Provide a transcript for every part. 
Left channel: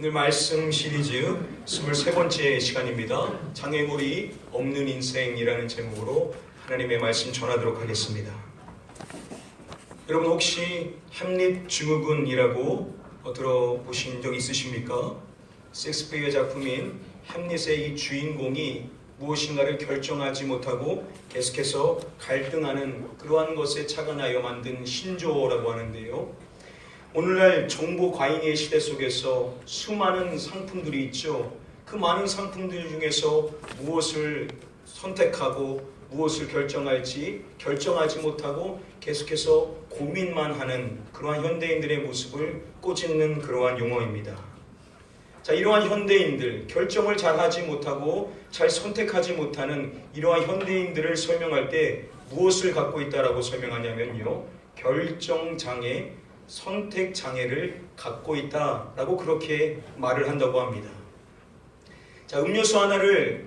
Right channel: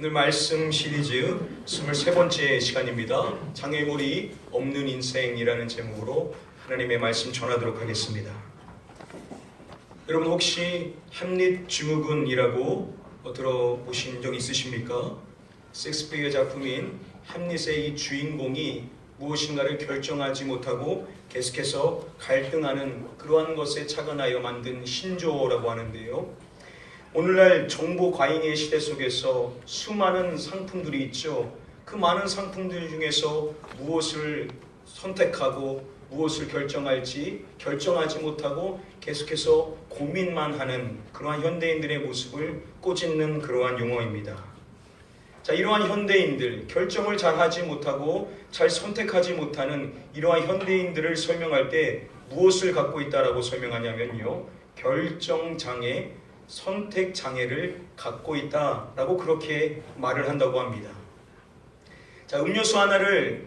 오늘 말씀 시리즈 23번째 시간입니다. 장애물이 없는 인생이라는 제목으로 하나님의 말씀 전하도록 하겠습니다. 여러분 혹시 햄릿 증후군이라고 들어보신 적 있으십니까? 셰익스피어의 작품인 햄릿의 이 주인공이 무엇인가를 결정하지 못하고 계속해서 갈등하는 그러한 것에 착안하여 만든 신조어라고 하는데요. 오늘날 정보 과잉의 시대 속에서 수많은 상품들이 있죠. 그 많은 상품들 중에서 무엇을 선택하고 무엇을 결정할지 결정하지 못하고 계속해서 고민만 하는 그러한 현대인들의 모습을 꼬집는 그러한 용어입니다. 자, 이러한 현대인들, 결정을 잘 하지 못하고 잘 선택하지 못하는 이러한 현대인들을 설명할 때 무엇을 갖고 있다라고 설명하냐면요. 결정장애, 선택장애를 갖고 있다라고 그렇게 말을 한다고 합니다. 자, 음료수 하나를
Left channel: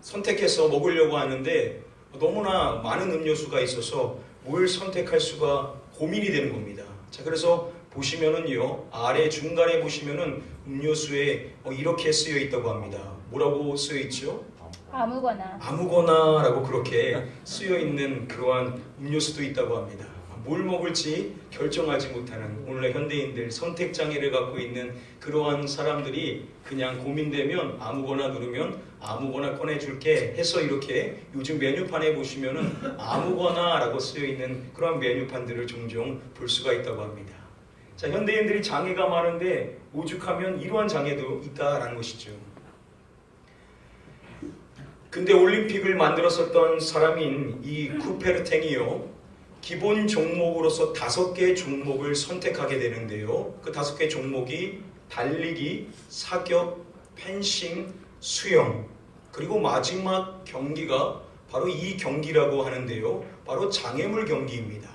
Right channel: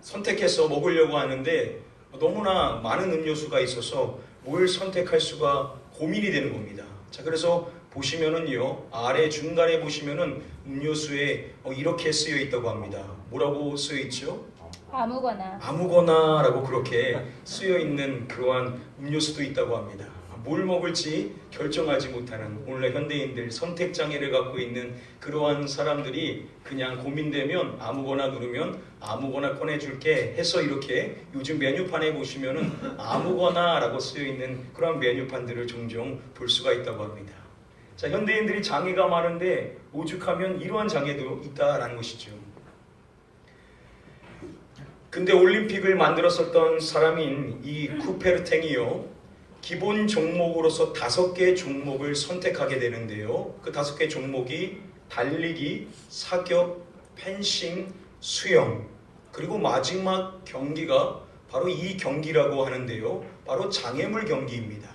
선택해서 먹으려고 하는데 너무나 많은 음료수가 있어서 뭘 선택할 수가 고민이 되는 겁니다. 자, 그래서 보시면은요, 아래 중간에 보시면은 음료수에 이렇게 쓰여 있다고 합니다. 뭐라고 쓰여 있죠? 아무거나라고 그렇게 쓰여 있는 그러한 음료수도 있다고 합니다. 뭘 먹을지 결정하지 못하는 오늘날 현대인들, 선택장애를 갖고 있는 그러한 사람들이 그냥 고민되면 아무거나 누르면 아무거나 꺼내줄게 해서 이렇게 요즘 메뉴판에 보시면은 아무거나라고 쓰여있는 그런 메뉴판들을 종종 볼 수가 있다고 합니다. 자, 현대인들이 장애가 많은데 오죽하면 이러한 장애도 있다라는 것이죠. 근데 올림픽을 만들었었던 사람인 이 쿠페르탱이요, 기본 종목으로서 5개 종목을 선택하게 되는데요. 그 5개 종목이 달리기, 사격, 펜싱, 수영, 그리고 마지막 경기가 바로 이 경기라고 하는데요. 바로 장애물 경기입니다.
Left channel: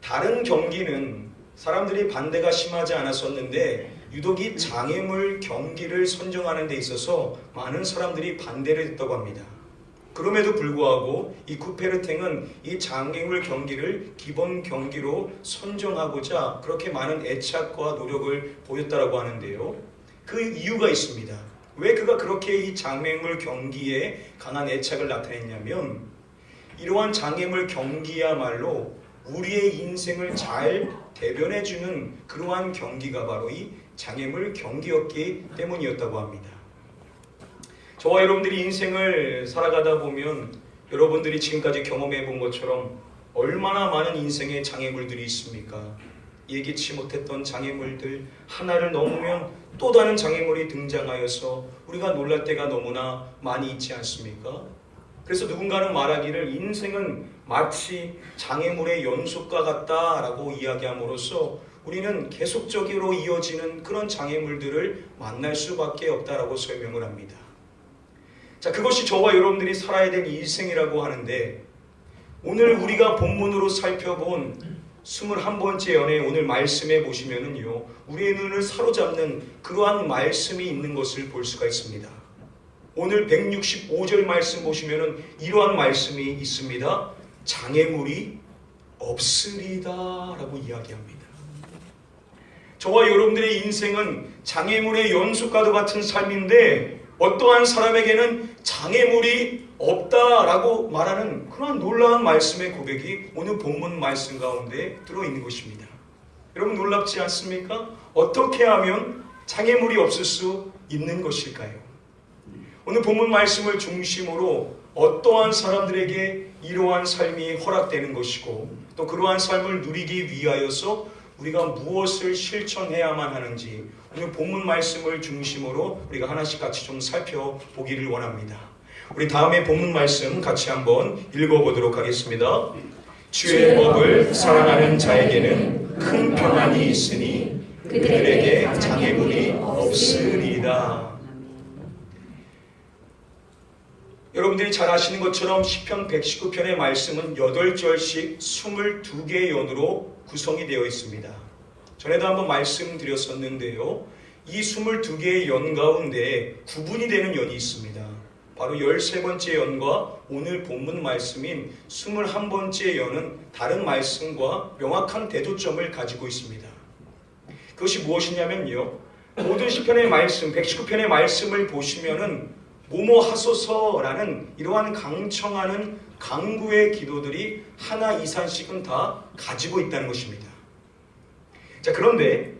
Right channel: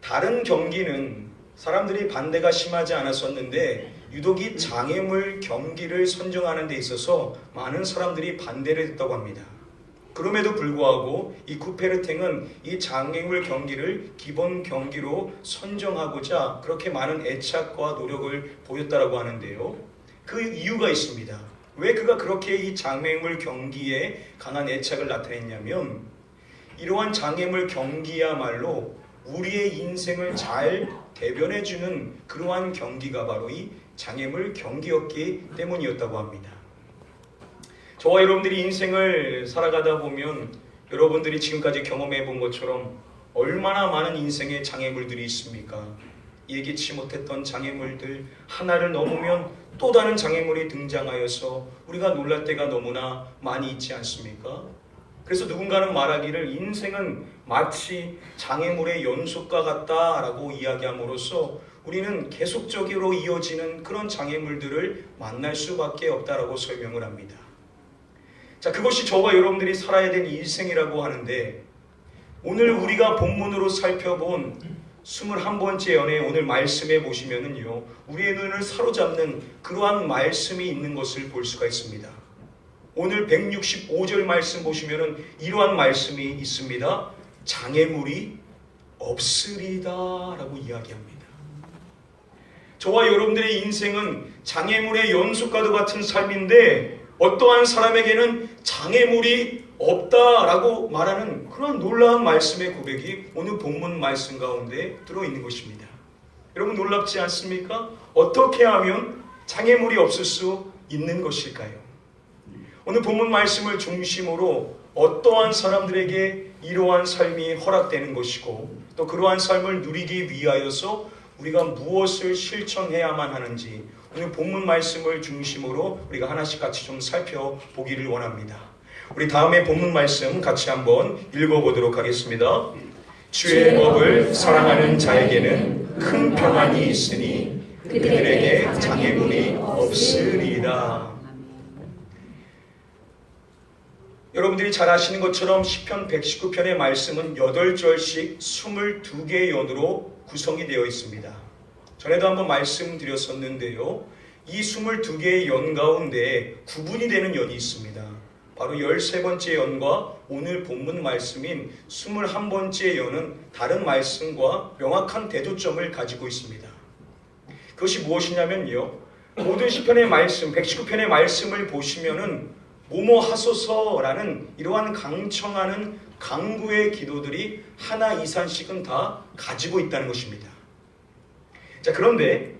다른 경기는 사람들이 반대가 심하지 않았었는데 유독 이 장애물 경기를 선정하는 데 있어서 많은 사람들이 반대를 했다고 합니다. 그럼에도 불구하고 이 쿠페르탱은 이 장애물 경기를 기본 경기로 선정하고자 그렇게 많은 애착과 노력을 보였다고 하는데요. 그 이유가 있습니다. 왜 그가 그렇게 이 장애물 경기에 강한 애착을 나타냈냐면 이러한 장애물 경기야말로 우리의 인생을 잘 대변해주는 그러한 경기가 바로 이 장애물 경기였기 때문이었다고 합니다. 저와 여러분들이 인생을 살아가다 보면 여러분들이 지금까지 경험해 본 것처럼 얼마나 많은 인생의 장애물들이 있습니까? 예기치 못했던 장애물들, 하나를 넘으면 또 다른 장애물이 등장하여서 우리가 놀랄 때가 너무나 많이 있지 않습니까? 그래서 누군가는 말하기를 인생은 마치 장애물의 연속과 같다라고 이야기함으로써 우리는 계속적으로 이어지는 그런 장애물들을 만날 수밖에 없다라고 설명을 합니다. 자, 그것이 저와 여러분들이 살아야 될 인생이라고 하는데 오늘 우리가 본문으로 살펴본 21번째 연애 오늘 말씀에 보시면은요, 우리의 눈을 사로잡는 그러한 말씀이 있는 것을 볼 수가 있습니다. 오늘 165절 말씀 보시면은 이러한 말씀이 있습니다. 장애물이 없으리다 라고 이야기합니다. 저와 여러분들의 인생은 장애물의 연속과도 같은 삶인데 어떠한 사람에게는 장애물이 없다라고 말하는 그런 놀라운 말씀의 고백이 오늘 본문 말씀 가운데 들어있는 것입니다. 여러분 놀랍지 않습니까? 어떻게 하면 장애물이 없을 수 있는 것일까요? 오늘 본문 말씀을 중심으로 어떠한 사람들에게 이러한 삶이 허락되는 것이고 또 그러한 삶을 누리기 위하여서 우리가 무엇을 실천해야만 하는지 오늘 본문 말씀을 중심으로 우리가 하나씩 같이 좀 살펴보기를 원합니다. 우리 다음에 본문 말씀 같이 한번 읽어보도록 하겠습니다. 주의 법을 사랑하는 자에게는 큰 평안이 있으니 그들에게 장애물이 없으리라. 여러분들이 잘 아시는 것처럼 시편 119편의 말씀은 8절씩 22개의 연으로 구성이 되어 있습니다. 전에도 한번 말씀드렸었는데요. 이 22개의 연 가운데 구분이 되는 연이 있습니다. 바로 13번째 연과 오늘 본문 말씀인 21번째 연은 다른 말씀과 명확한 대조점을 가지고 있습니다. 그것이 무엇이냐면요. 모든 시편의 말씀, 119편의 말씀을 보시면은 뭐뭐 하소서라는 이러한 강청하는 강구의 기도들이 하나 이상씩은 다 가지고 있다는 것입니다. 자, 그런데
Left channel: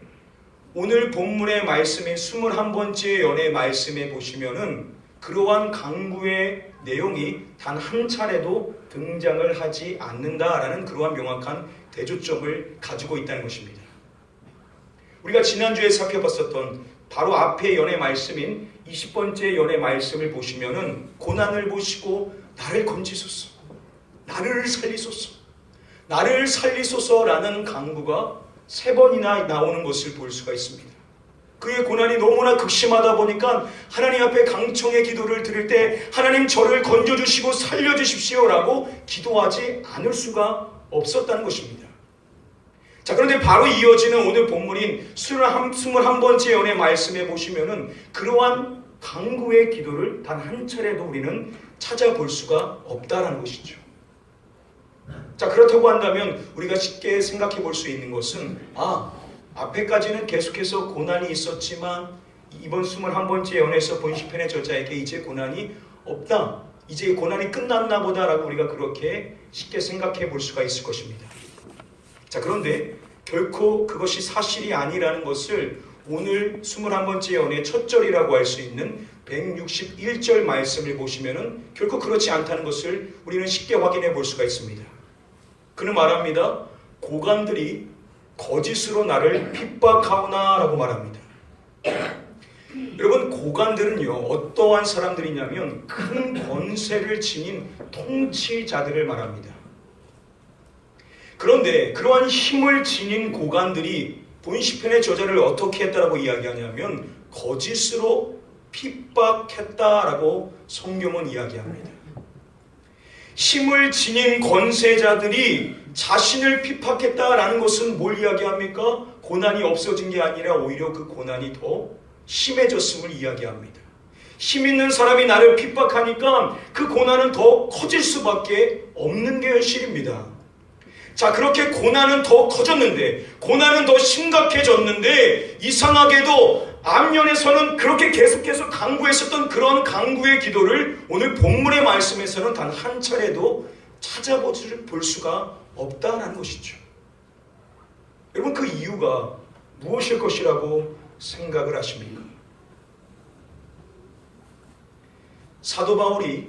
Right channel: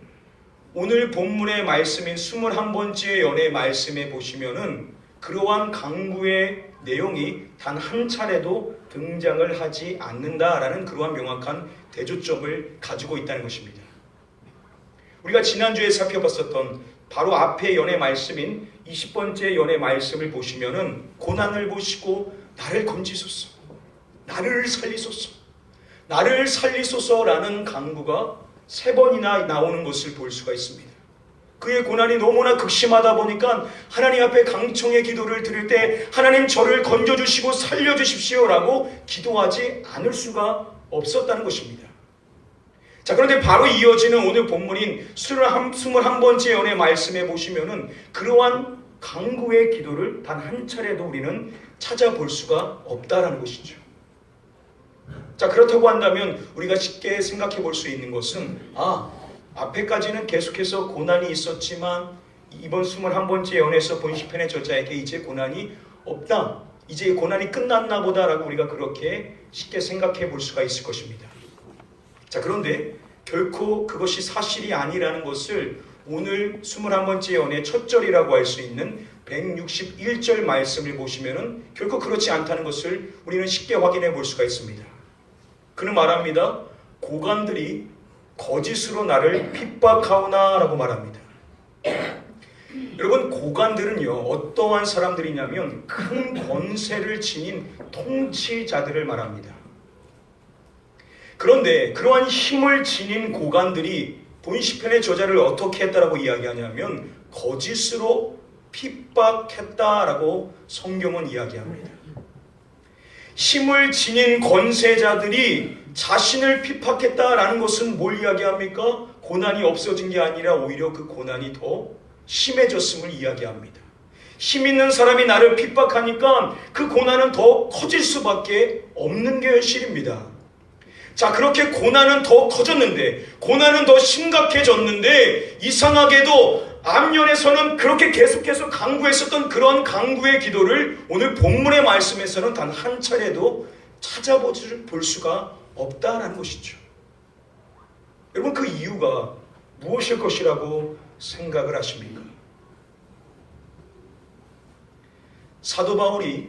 오늘 본문의 말씀인 21번째 연의 말씀에 보시면은 그러한 강구의 내용이 단 한 차례도 등장을 하지 않는다라는 그러한 명확한 대조점을 가지고 있다는 것입니다. 우리가 지난주에 살펴봤었던 바로 앞의 연의 말씀인 20번째 연의 말씀을 보시면은 고난을 보시고 나를 건지소서, 나를 살리소서, 나를 살리소서라는 강구가 3번이나 나오는 것을 볼 수가 있습니다. 그의 고난이 너무나 극심하다 보니까 하나님 앞에 강청의 기도를 드릴 때 하나님 저를 건져주시고 살려주십시오라고 기도하지 않을 수가 없었다는 것입니다. 자, 그런데 바로 이어지는 오늘 본문인 21번째 연의 말씀에 보시면은 그러한 강구의 기도를 단 한 차례도 우리는 찾아볼 수가 없다라는 것이죠. 자, 그렇다고 한다면 우리가 쉽게 생각해 볼 수 있는 것은 앞에까지는 계속해서 고난이 있었지만 이번 21번째 연에서 본 시편의 저자에게 이제 고난이 없다, 이제 고난이 끝났나 보다라고 우리가 그렇게 쉽게 생각해 볼 수가 있을 것입니다. 자, 그런데 결코 그것이 사실이 아니라는 것을 오늘 21번째 연의 첫 절이라고 할 수 있는 161절 말씀을 보시면은 결코 그렇지 않다는 것을 우리는 쉽게 확인해 볼 수가 있습니다. 그는 말합니다. 고관들이 거짓으로 나를 핍박하오나 라고 말합니다. 여러분, 고관들은요 어떠한 사람들이냐면 큰 권세를 지닌 통치자들을 말합니다. 그런데 그러한 힘을 지닌 고관들이 본 시편의 저자를 어떻게 했다라고 이야기하냐면 거짓으로 핍박했다라고 성경은 이야기합니다. 힘을 지닌 권세자들이 자신을 핍박했다라는 것은 뭘 이야기합니까? 고난이 없어진 게 아니라 오히려 그 고난이 더 심해졌음을 이야기합니다. 힘 있는 사람이 나를 핍박하니까 그 고난은 더 커질 수밖에 없는 게 현실입니다. 자, 그렇게 고난은 더 커졌는데, 고난은 더 심각해졌는데, 이상하게도 앞면에서는 그렇게 계속해서 강구했었던 그런 강구의 기도를 오늘 본문의 말씀에서는 단 한 차례도 찾아볼 수가 없다는 것이죠. 여러분, 그 이유가 무엇일 것이라고 생각을 하십니까? 사도 바울이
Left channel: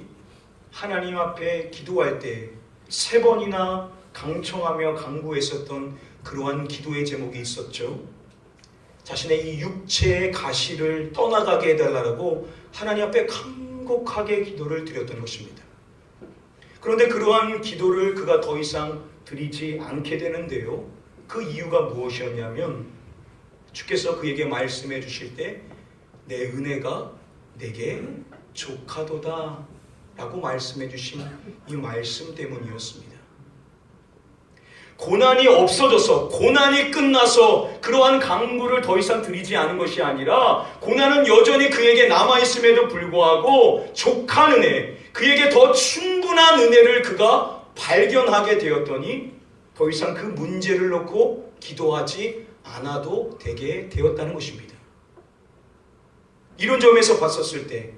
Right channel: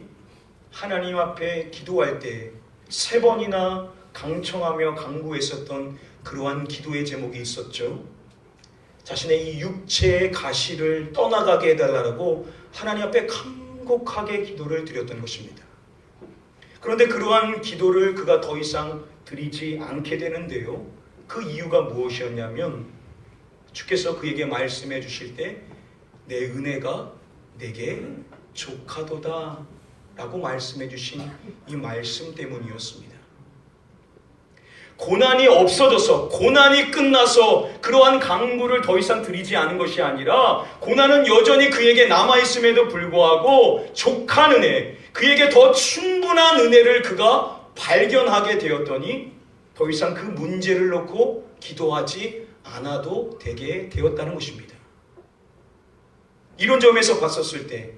하나님 앞에 기도할 때 3번이나 강청하며 강구했었던 그러한 기도의 제목이 있었죠. 자신의 이 육체의 가시를 떠나가게 해달라고 하나님 앞에 간곡하게 기도를 드렸던 것입니다. 그런데 그러한 기도를 그가 더 이상 드리지 않게 되는데요. 그 이유가 무엇이었냐면 주께서 그에게 말씀해 주실 때 내 은혜가 내게 족하도다 라고 말씀해 주신 이 말씀 때문이었습니다. 고난이 없어져서, 고난이 끝나서 그러한 강구를 더 이상 드리지 않은 것이 아니라 고난은 여전히 그에게 남아있음에도 불구하고 족한 은혜, 그에게 더 충분한 은혜를 그가 발견하게 되었더니 더 이상 그 문제를 놓고 기도하지 않아도 되게 되었다는 것입니다. 이런 점에서 봤었을 때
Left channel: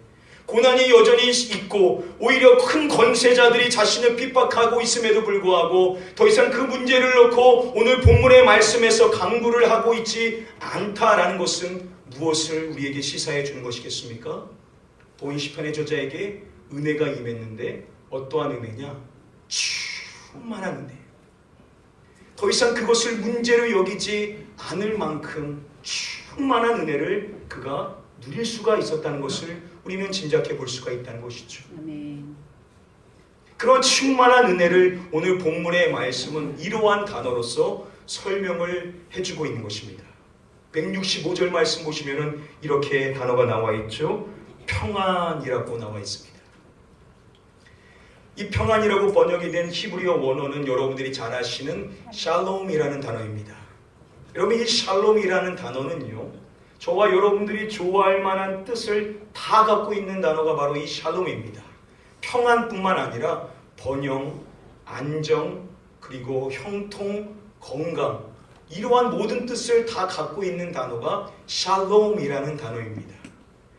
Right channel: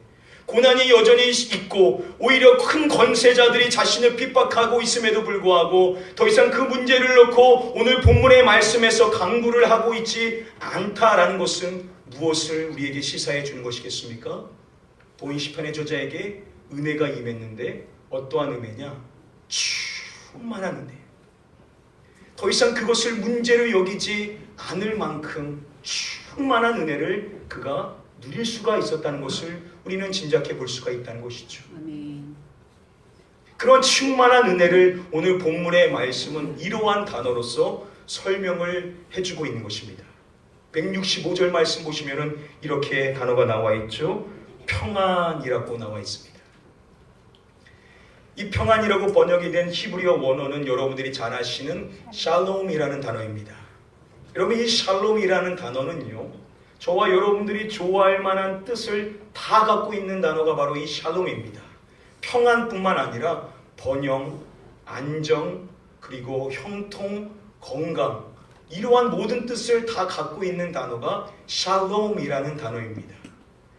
고난이 여전히 있고 오히려 큰 권세자들이 자신을 핍박하고 있음에도 불구하고 더 이상 그 문제를 놓고 오늘 본문의 말씀에서 강구를 하고 있지 않다라는 것은 무엇을 우리에게 시사해 주는 것이겠습니까? 본 시편의 저자에게 은혜가 임했는데 어떠한 은혜냐? 충만한 은혜. 더 이상 그것을 문제로 여기지 않을 만큼 충만한 은혜를 그가 누릴 수가 있었다는 것을 우리는 짐작해 볼 수가 있다는 것이죠. 아멘. 그런 충만한 은혜를 오늘 본문의 말씀은 이러한 단어로서 설명을 해주고 있는 것입니다. 165절 말씀 보시면은 이렇게 단어가 나와 있죠. 평안이라고 나와 있습니다. 이 평안이라고 번역이 된 히브리어 원어는 여러분들이 잘 아시는 샬롬이라는 단어입니다. 여러분, 이 샬롬이라는 단어는요, 저와 여러분들이 좋아할 만한 뜻을 다 갖고 있는 단어가 바로 이 샬롬입니다. 평안뿐만 아니라 번영, 안정, 그리고 형통, 건강, 이러한 모든 뜻을 다 갖고 있는 단어가 샬롬이라는 단어입니다.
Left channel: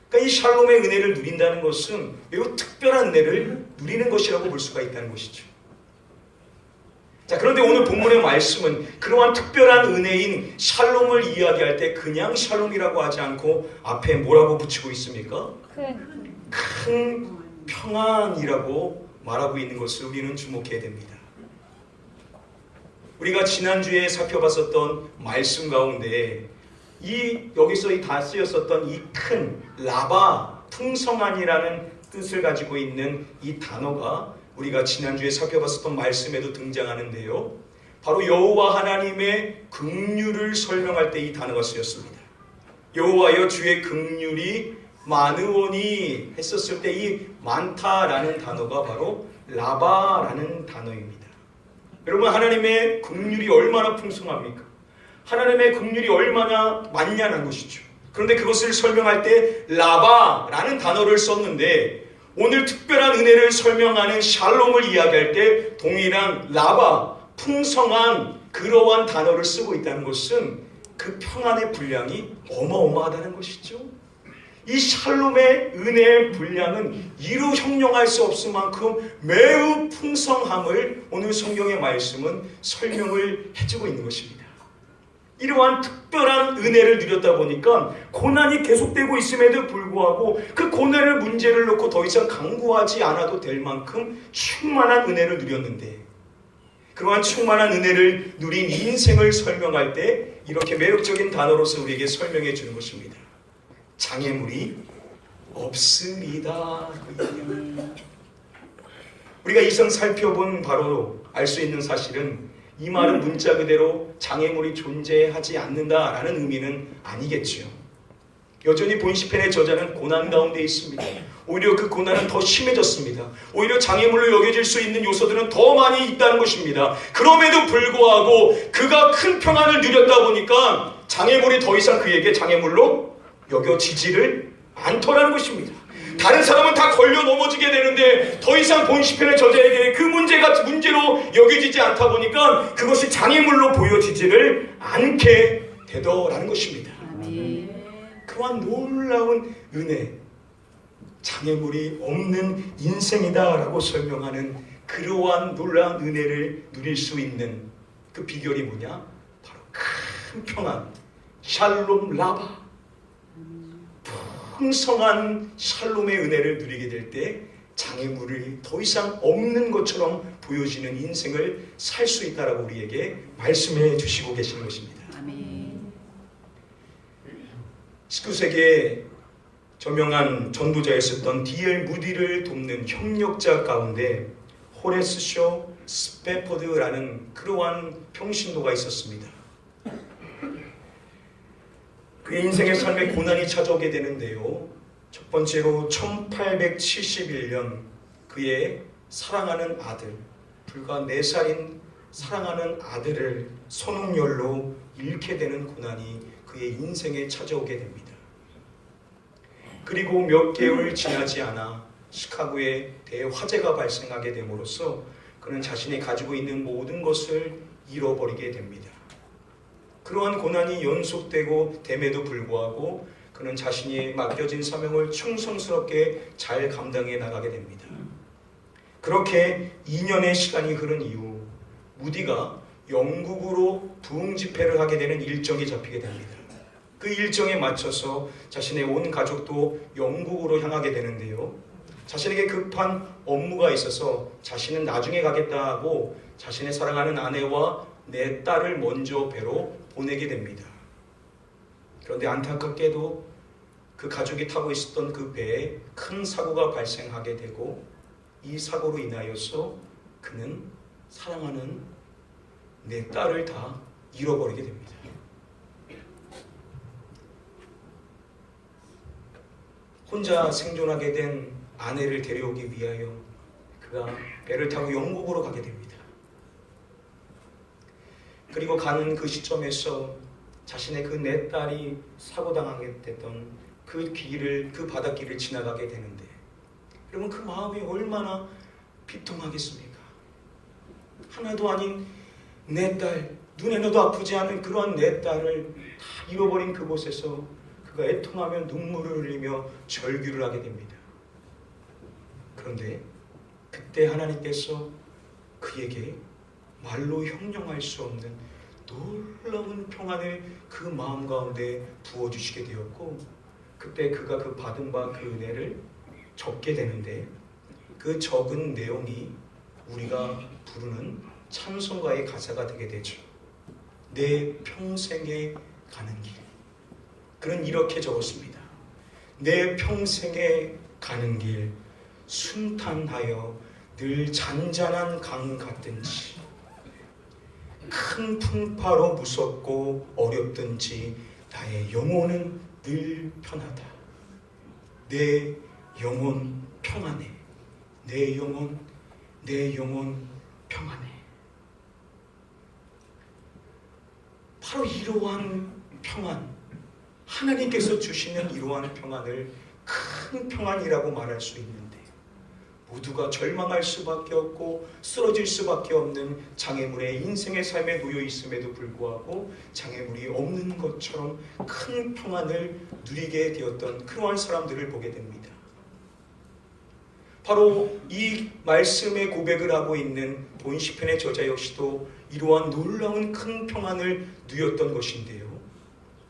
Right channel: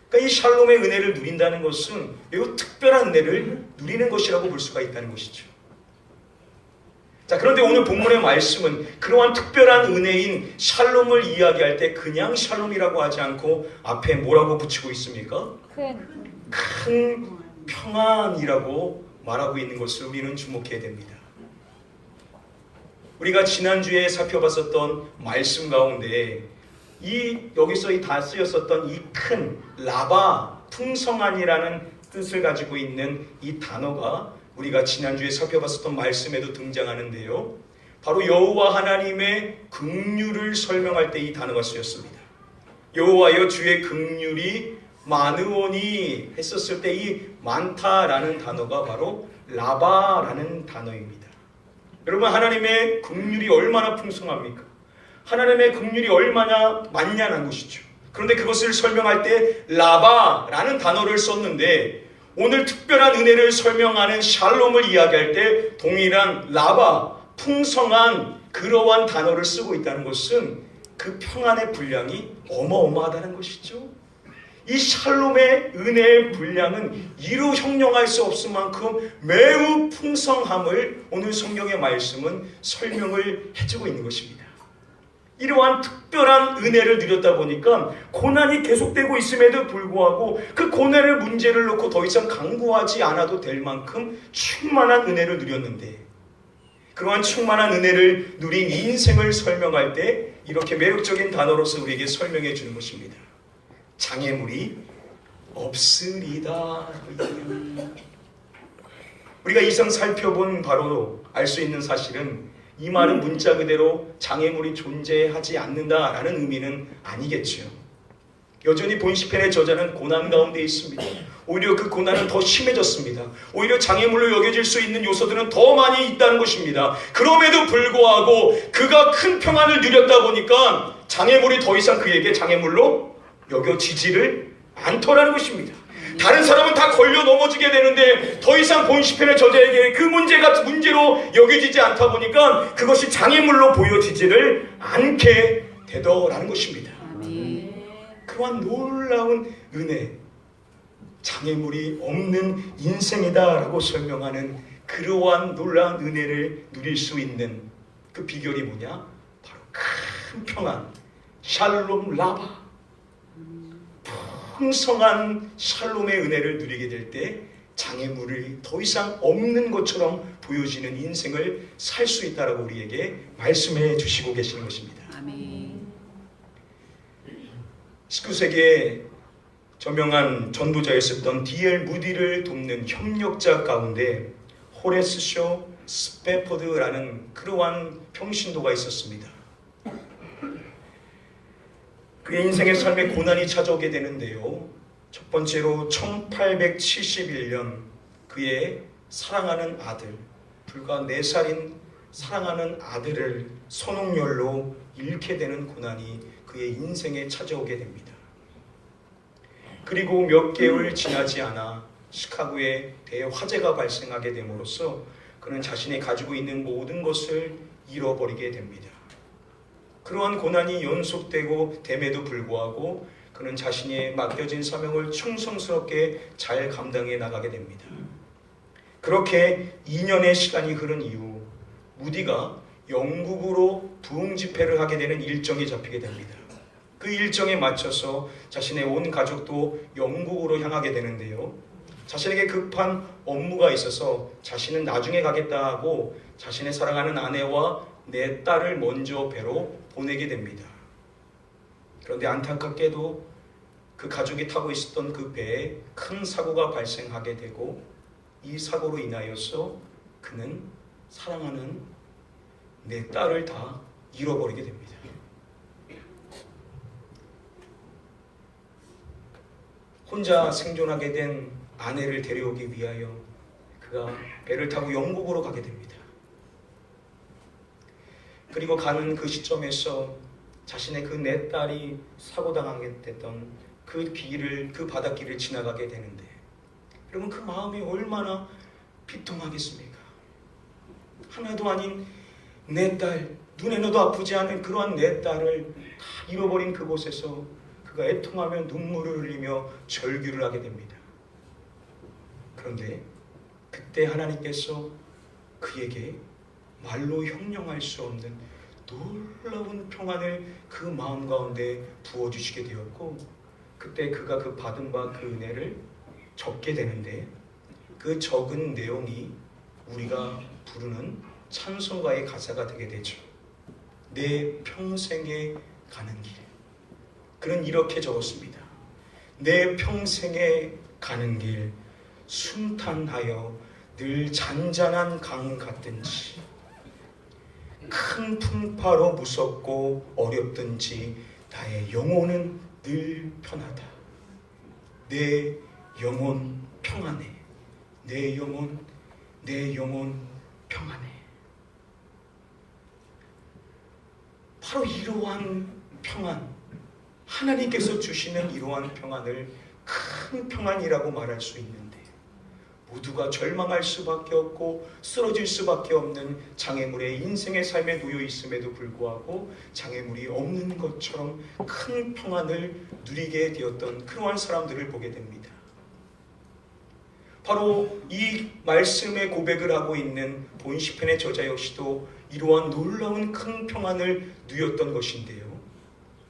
그러니까 이 샬롬의 은혜를 누린다는 것은 매우 특별한 은혜를 누리는 것이라고 볼 수가 있다는 것이죠. 자, 그런데 오늘 본문의 말씀은 그러한 특별한 은혜인 샬롬을 이야기할 때 그냥 샬롬이라고 하지 않고 앞에 뭐라고 붙이고 있습니까? 큰 평안이라고 말하고 있는 것을 우리는 주목해야 됩니다. 우리가 지난주에 살펴봤었던 말씀 가운데 여기서 다 쓰였었던 이 큰 라바, 풍성한이라는 뜻을 가지고 있는 이 단어가 우리가 지난주에 살펴봤었던 말씀에도 등장하는데요. 바로 여호와 하나님의 긍휼을 설명할 때 이 단어가 쓰였습니다. 여호와여 주의 긍휼이 많으오니 했었을 때 이 많다라는 단어가 바로 라바라는 단어입니다. 여러분, 하나님의 긍휼이 얼마나 풍성합니까? 하나님의 긍휼이 얼마나 많냐는 것이죠. 그런데 그것을 설명할 때 라바라는 단어를 썼는데 오늘 특별한 은혜를 설명하는 샬롬을 이야기할 때 동일한 라바, 풍성한 그러한 단어를 쓰고 있다는 것은 그 평안의 분량이 어마어마하다는 것이죠. 이 샬롬의 은혜의 분량은 이루 형용할 수 없을 만큼 매우 풍성함을 오늘 성경의 말씀은 설명을 해주고 있는 것입니다. 이러한 특별한 은혜를 누렸다 보니까 고난이 계속되고 있음에도 불구하고 그 고난의 문제를 놓고 더 이상 강구하지 않아도 될 만큼 충만한 은혜를 누렸는데 그러한 충만한 은혜를 누린 인생을 설명할 때 이렇게 매력적인 단어로서 우리에게 설명해 주는 것입니다. 장애물이 없으리다. 우리가 이상 살펴본 바로 알 수 있는 사실은 이 말은 문자 그대로 장애물이 존재하지 않는다라는 의미는 아니겠지요. 여전히 본시편의 저자는 고난 가운데 있습니다. 오히려 그 고난은 더 심해졌습니다. 오히려 장애물로 여겨질 수 있는 요소들은 더 많이 있다는 것입니다. 그럼에도 불구하고 그가 큰 평안을 누렸다 보니까 장애물이 더 이상 그에게 장애물로 여겨지지를 않더라는 것입니다. 다른 사람은 다 걸려 넘어지게 되는데 더 이상 본시편의 저자에게 그 문제가 문제로 여겨지지 않다 보니까 그것이 장애물로 보여지지를 않게 되더라는 것입니다. 그러한 놀라운 은혜, 장애물이 없는 인생이다라고 설명하는 그러한 놀라운 은혜를 누릴 수 있는 그 비결이 뭐냐? 바로 큰 평안, 샬롬 라바. 풍성한 샬롬의 은혜를 누리게 될 때 장애물이 더 이상 없는 것처럼 보여지는 인생을 살 수 있다라고 우리에게 말씀해 주시고 계시는 것입니다. 아멘. 19세기에 저명한 전도자였었던 D.L. 무디를 돕는 협력자 가운데 호레스 쇼 스패포드라는 그러한 평신도가 있었습니다. 그의 인생의 삶에 고난이 찾아오게 되는데요. 첫 번째로 1871년 그의 사랑하는 아들, 불과 4살인 사랑하는 아들을 선홍열로 잃게 되는 고난이 그의 인생에 찾아오게 됩니다. 그리고 몇 개월 지나지 않아 시카고에 대화재가 발생하게 됨으로써 그는 자신이 가지고 있는 모든 것을 잃어버리게 됩니다. 그러한 고난이 연속되고 됨에도 불구하고 그는 자신이 맡겨진 사명을 충성스럽게 잘 감당해 나가게 됩니다. 그렇게 2년의 시간이 흐른 이후 무디가 영국으로 부흥 집회를 하게 되는 일정이 잡히게 됩니다. 그 일정에 맞춰서 자신의 온 가족도 영국으로 향하게 되는데요. 자신에게 급한 업무가 있어서 자신은 나중에 가겠다 하고 자신의 사랑하는 아내와 4딸을 먼저 배로 보내게 됩니다. 그런데 안타깝게도 그 가족이 타고 있었던 그 배에 큰 사고가 발생하게 되고 이 사고로 인하여서 그는 사랑하는 4딸을 다 잃어버리게 됩니다. 혼자 생존하게 된 아내를 데려오기 위하여 그가 배를 타고 영국으로 가게 됩니다. 그리고 가는 그 시점에서 자신의 그 4딸이 사고당하게 됐던 그 바닷길을 지나가게 되는데 여러분 그 마음이 얼마나 비통하겠습니까? 하나도 아닌 4딸 눈에도 아프지 않은 그러한 내 딸을 다 잃어버린 그곳에서 그가 애통하며 눈물을 흘리며 절규를 하게 됩니다. 그런데 그때 하나님께서 그에게 말로 형용할 수 없는 놀라운 평안을 그 마음 가운데 부어주시게 되었고, 그때 그가 그 받은 바 그 은혜를 적게 되는데, 그 적은 내용이 우리가 부르는 찬송가의 가사가 되게 되죠. 내 평생에 가는 길. 그는 이렇게 적었습니다. 내 평생에 가는 길 순탄하여 늘 잔잔한 강 같든지, 큰 풍파로 무섭고 어렵든지 나의 영혼은 늘 편하다. 내 영혼 평안해. 내 영혼 평안해. 바로 이러한 평안, 하나님께서 주시는 이러한 평안을 큰 평안이라고 말할 수 있는데, 모두가 절망할 수밖에 없고 쓰러질 수밖에 없는 장애물의 인생의 삶에 놓여 있음에도 불구하고 장애물이 없는 것처럼 큰 평안을 누리게 되었던 그러한 사람들을 보게 됩니다. 바로 이 말씀의 고백을 하고 있는 본 시편의 저자 역시도 이러한 놀라운 큰 평안을 누렸던 것인데요.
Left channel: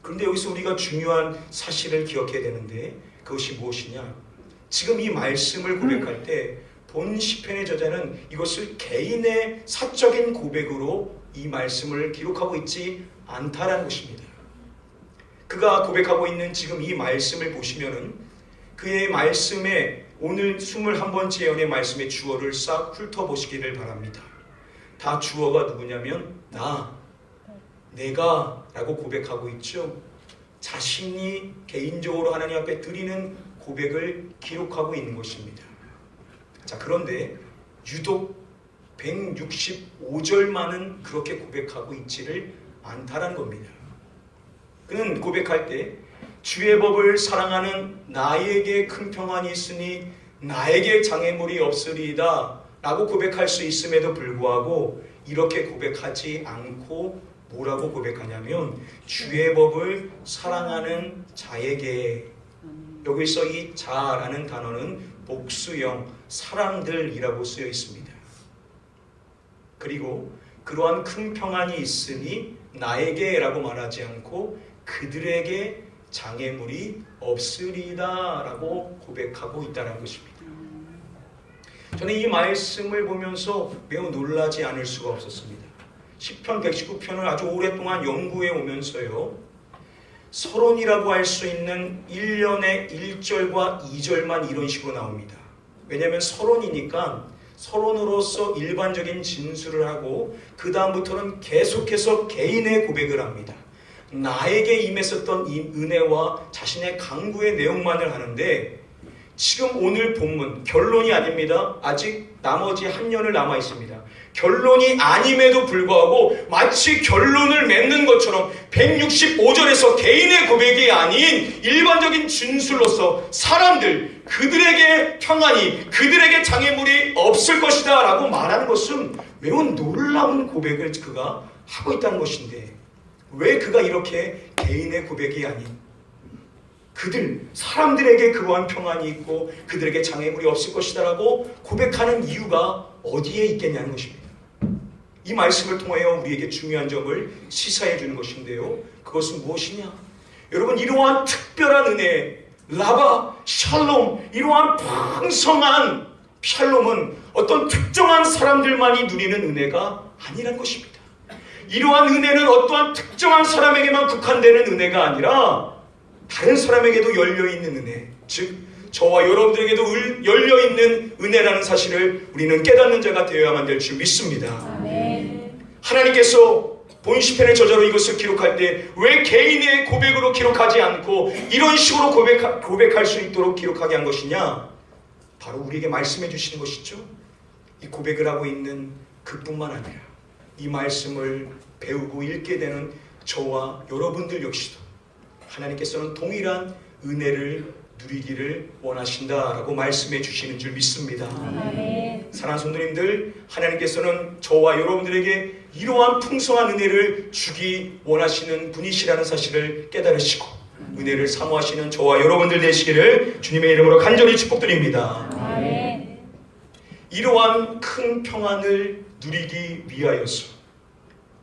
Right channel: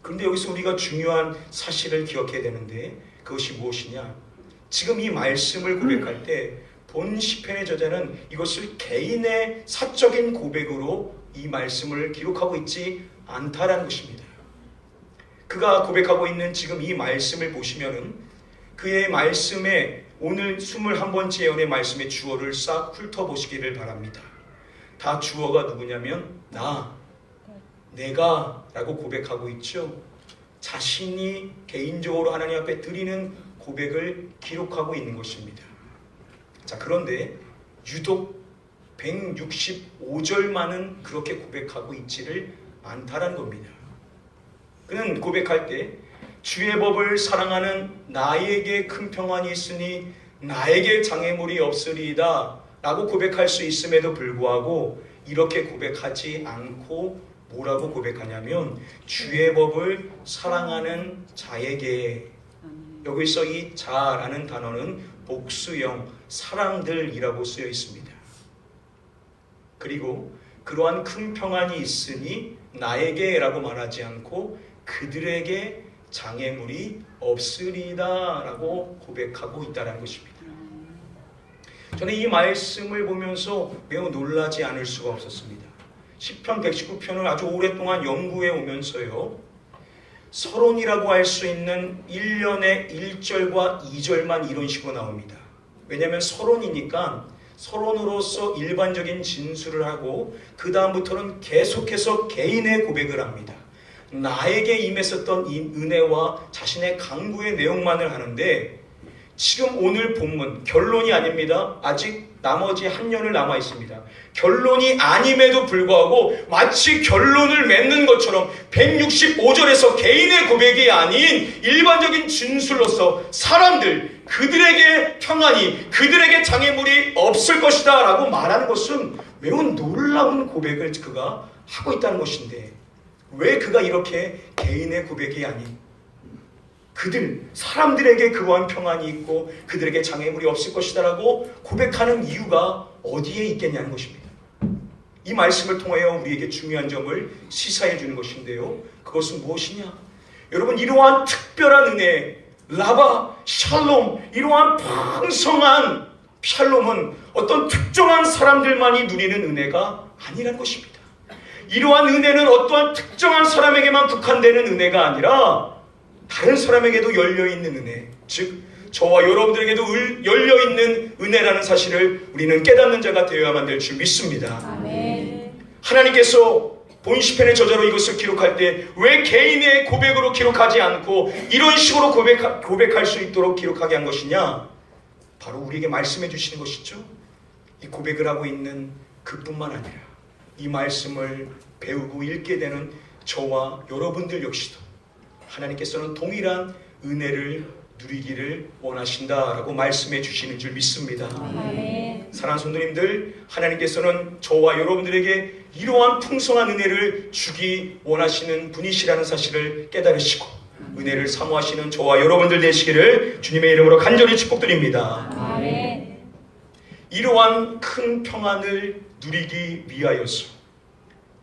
그런데 여기서 우리가 중요한 사실을 기억해야 되는데, 그것이 무엇이냐? 지금 이 말씀을 고백할 때 본 시편의 저자는 이것을 개인의 사적인 고백으로 이 말씀을 기록하고 있지 않다라는 것입니다. 그가 고백하고 있는 지금 이 말씀을 보시면은 그의 말씀에 오늘 21번째 예언의 말씀의 주어를 싹 훑어보시기를 바랍니다. 다 주어가 누구냐면 내가 라고 고백하고 있죠. 자신이 개인적으로 하나님 앞에 드리는 고백을 기록하고 있는 것입니다. 자, 그런데 유독 165절만은 그렇게 고백하고 있지를 않다라는 겁니다. 그는 고백할 때 주의 법을 사랑하는 나에게 큰 평안이 있으니 나에게 장애물이 없으리이다 라고 고백할 수 있음에도 불구하고 이렇게 고백하지 않고 뭐라고 고백하냐면 주의 법을 사랑하는 자에게, 여기서 이 자라는 단어는 복수형 사람들이라고 쓰여 있습니다. 그리고 그러한 큰 평안이 있으니 나에게 라고 말하지 않고 그들에게 장애물이 없으리다 라고 고백하고 있다는 것입니다. 저는 이 말씀을 보면서 매우 놀라지 않을 수가 없었습니다. 시편 119편을 아주 오랫동안 연구해 오면서요, 서론이라고 할 수 있는 1년에 1절과 2절만 이런 식으로 나옵니다. 왜냐하면 서론이니까 서론으로서 일반적인 진술을 하고 그 다음부터는 계속해서 개인의 고백을 합니다. 나에게 임했었던 이 은혜와 자신의 강구의 내용만을 하는데, 지금 오늘 본문 결론이 아닙니다. 아직 나머지 한 년을 남아 있습니다. 결론이 아님에도 불구하고 마치 결론을 맺는 것처럼 165절에서 개인의 고백이 아닌 일반적인 진술로서 사람들, 그들에게 평안이, 그들에게 장애물이 없을 것이다 라고 말하는 것은 매우 놀라운 고백을 그가 하고 있다는 것인데, 왜 그가 이렇게 개인의 고백이 아닌 그들, 사람들에게 그러한 평안이 있고 그들에게 장애물이 없을 것이다 라고 고백하는 이유가 어디에 있겠냐는 것입니다. 이 말씀을 통하여 우리에게 중요한 점을 시사해 주는 것인데요, 그것은 무엇이냐? 여러분, 이러한 특별한 은혜, 라바, 샬롬, 이러한 풍성한 샬롬은 어떤 특정한 사람들만이 누리는 은혜가 아니라는 것입니다. 이러한 은혜는 어떠한 특정한 사람에게만 국한되는 은혜가 아니라 다른 사람에게도 열려있는 은혜, 즉 저와 여러분들에게도 열려있는 은혜라는 사실을 우리는 깨닫는 자가 되어야만 될 줄 믿습니다. 아멘. 하나님께서 본 시편의 저자로 이것을 기록할 때 왜 개인의 고백으로 기록하지 않고 이런 식으로 고백할 수 있도록 기록하게 한 것이냐? 바로 우리에게 말씀해 주시는 것이죠. 이 고백을 하고 있는 그뿐만 아니라 이 말씀을 배우고 읽게 되는 저와 여러분들 역시도 하나님께서는 동일한 은혜를 누리기를 원하신다라고 말씀해 주시는 줄 믿습니다. 사랑하는 성도님들, 하나님께서는 저와 여러분들에게 이러한 풍성한 은혜를 주기 원하시는 분이시라는 사실을 깨달으시고 은혜를 사모하시는 저와 여러분들 되시기를 주님의 이름으로 간절히 축복드립니다. 이러한 큰 평안을 누리기 위하여서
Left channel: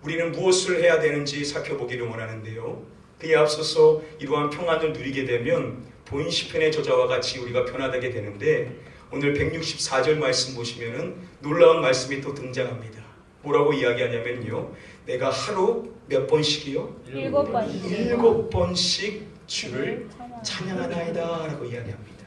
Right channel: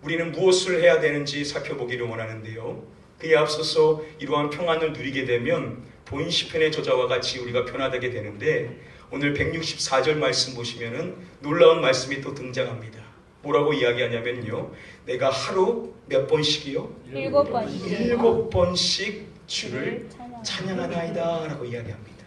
우리는 무엇을 해야 되는지 살펴보기를 원하는데요. 그에 앞서서 이러한 평안을 누리게 되면 본 시편의 저자와 같이 우리가 변화되게 되는데 오늘 164절 말씀 보시면은 놀라운 말씀이 또 등장합니다. 뭐라고 이야기하냐면요. 내가 하루 몇 번씩이요? 7번씩 7번씩 주를 찬양하나이다 라고 이야기합니다.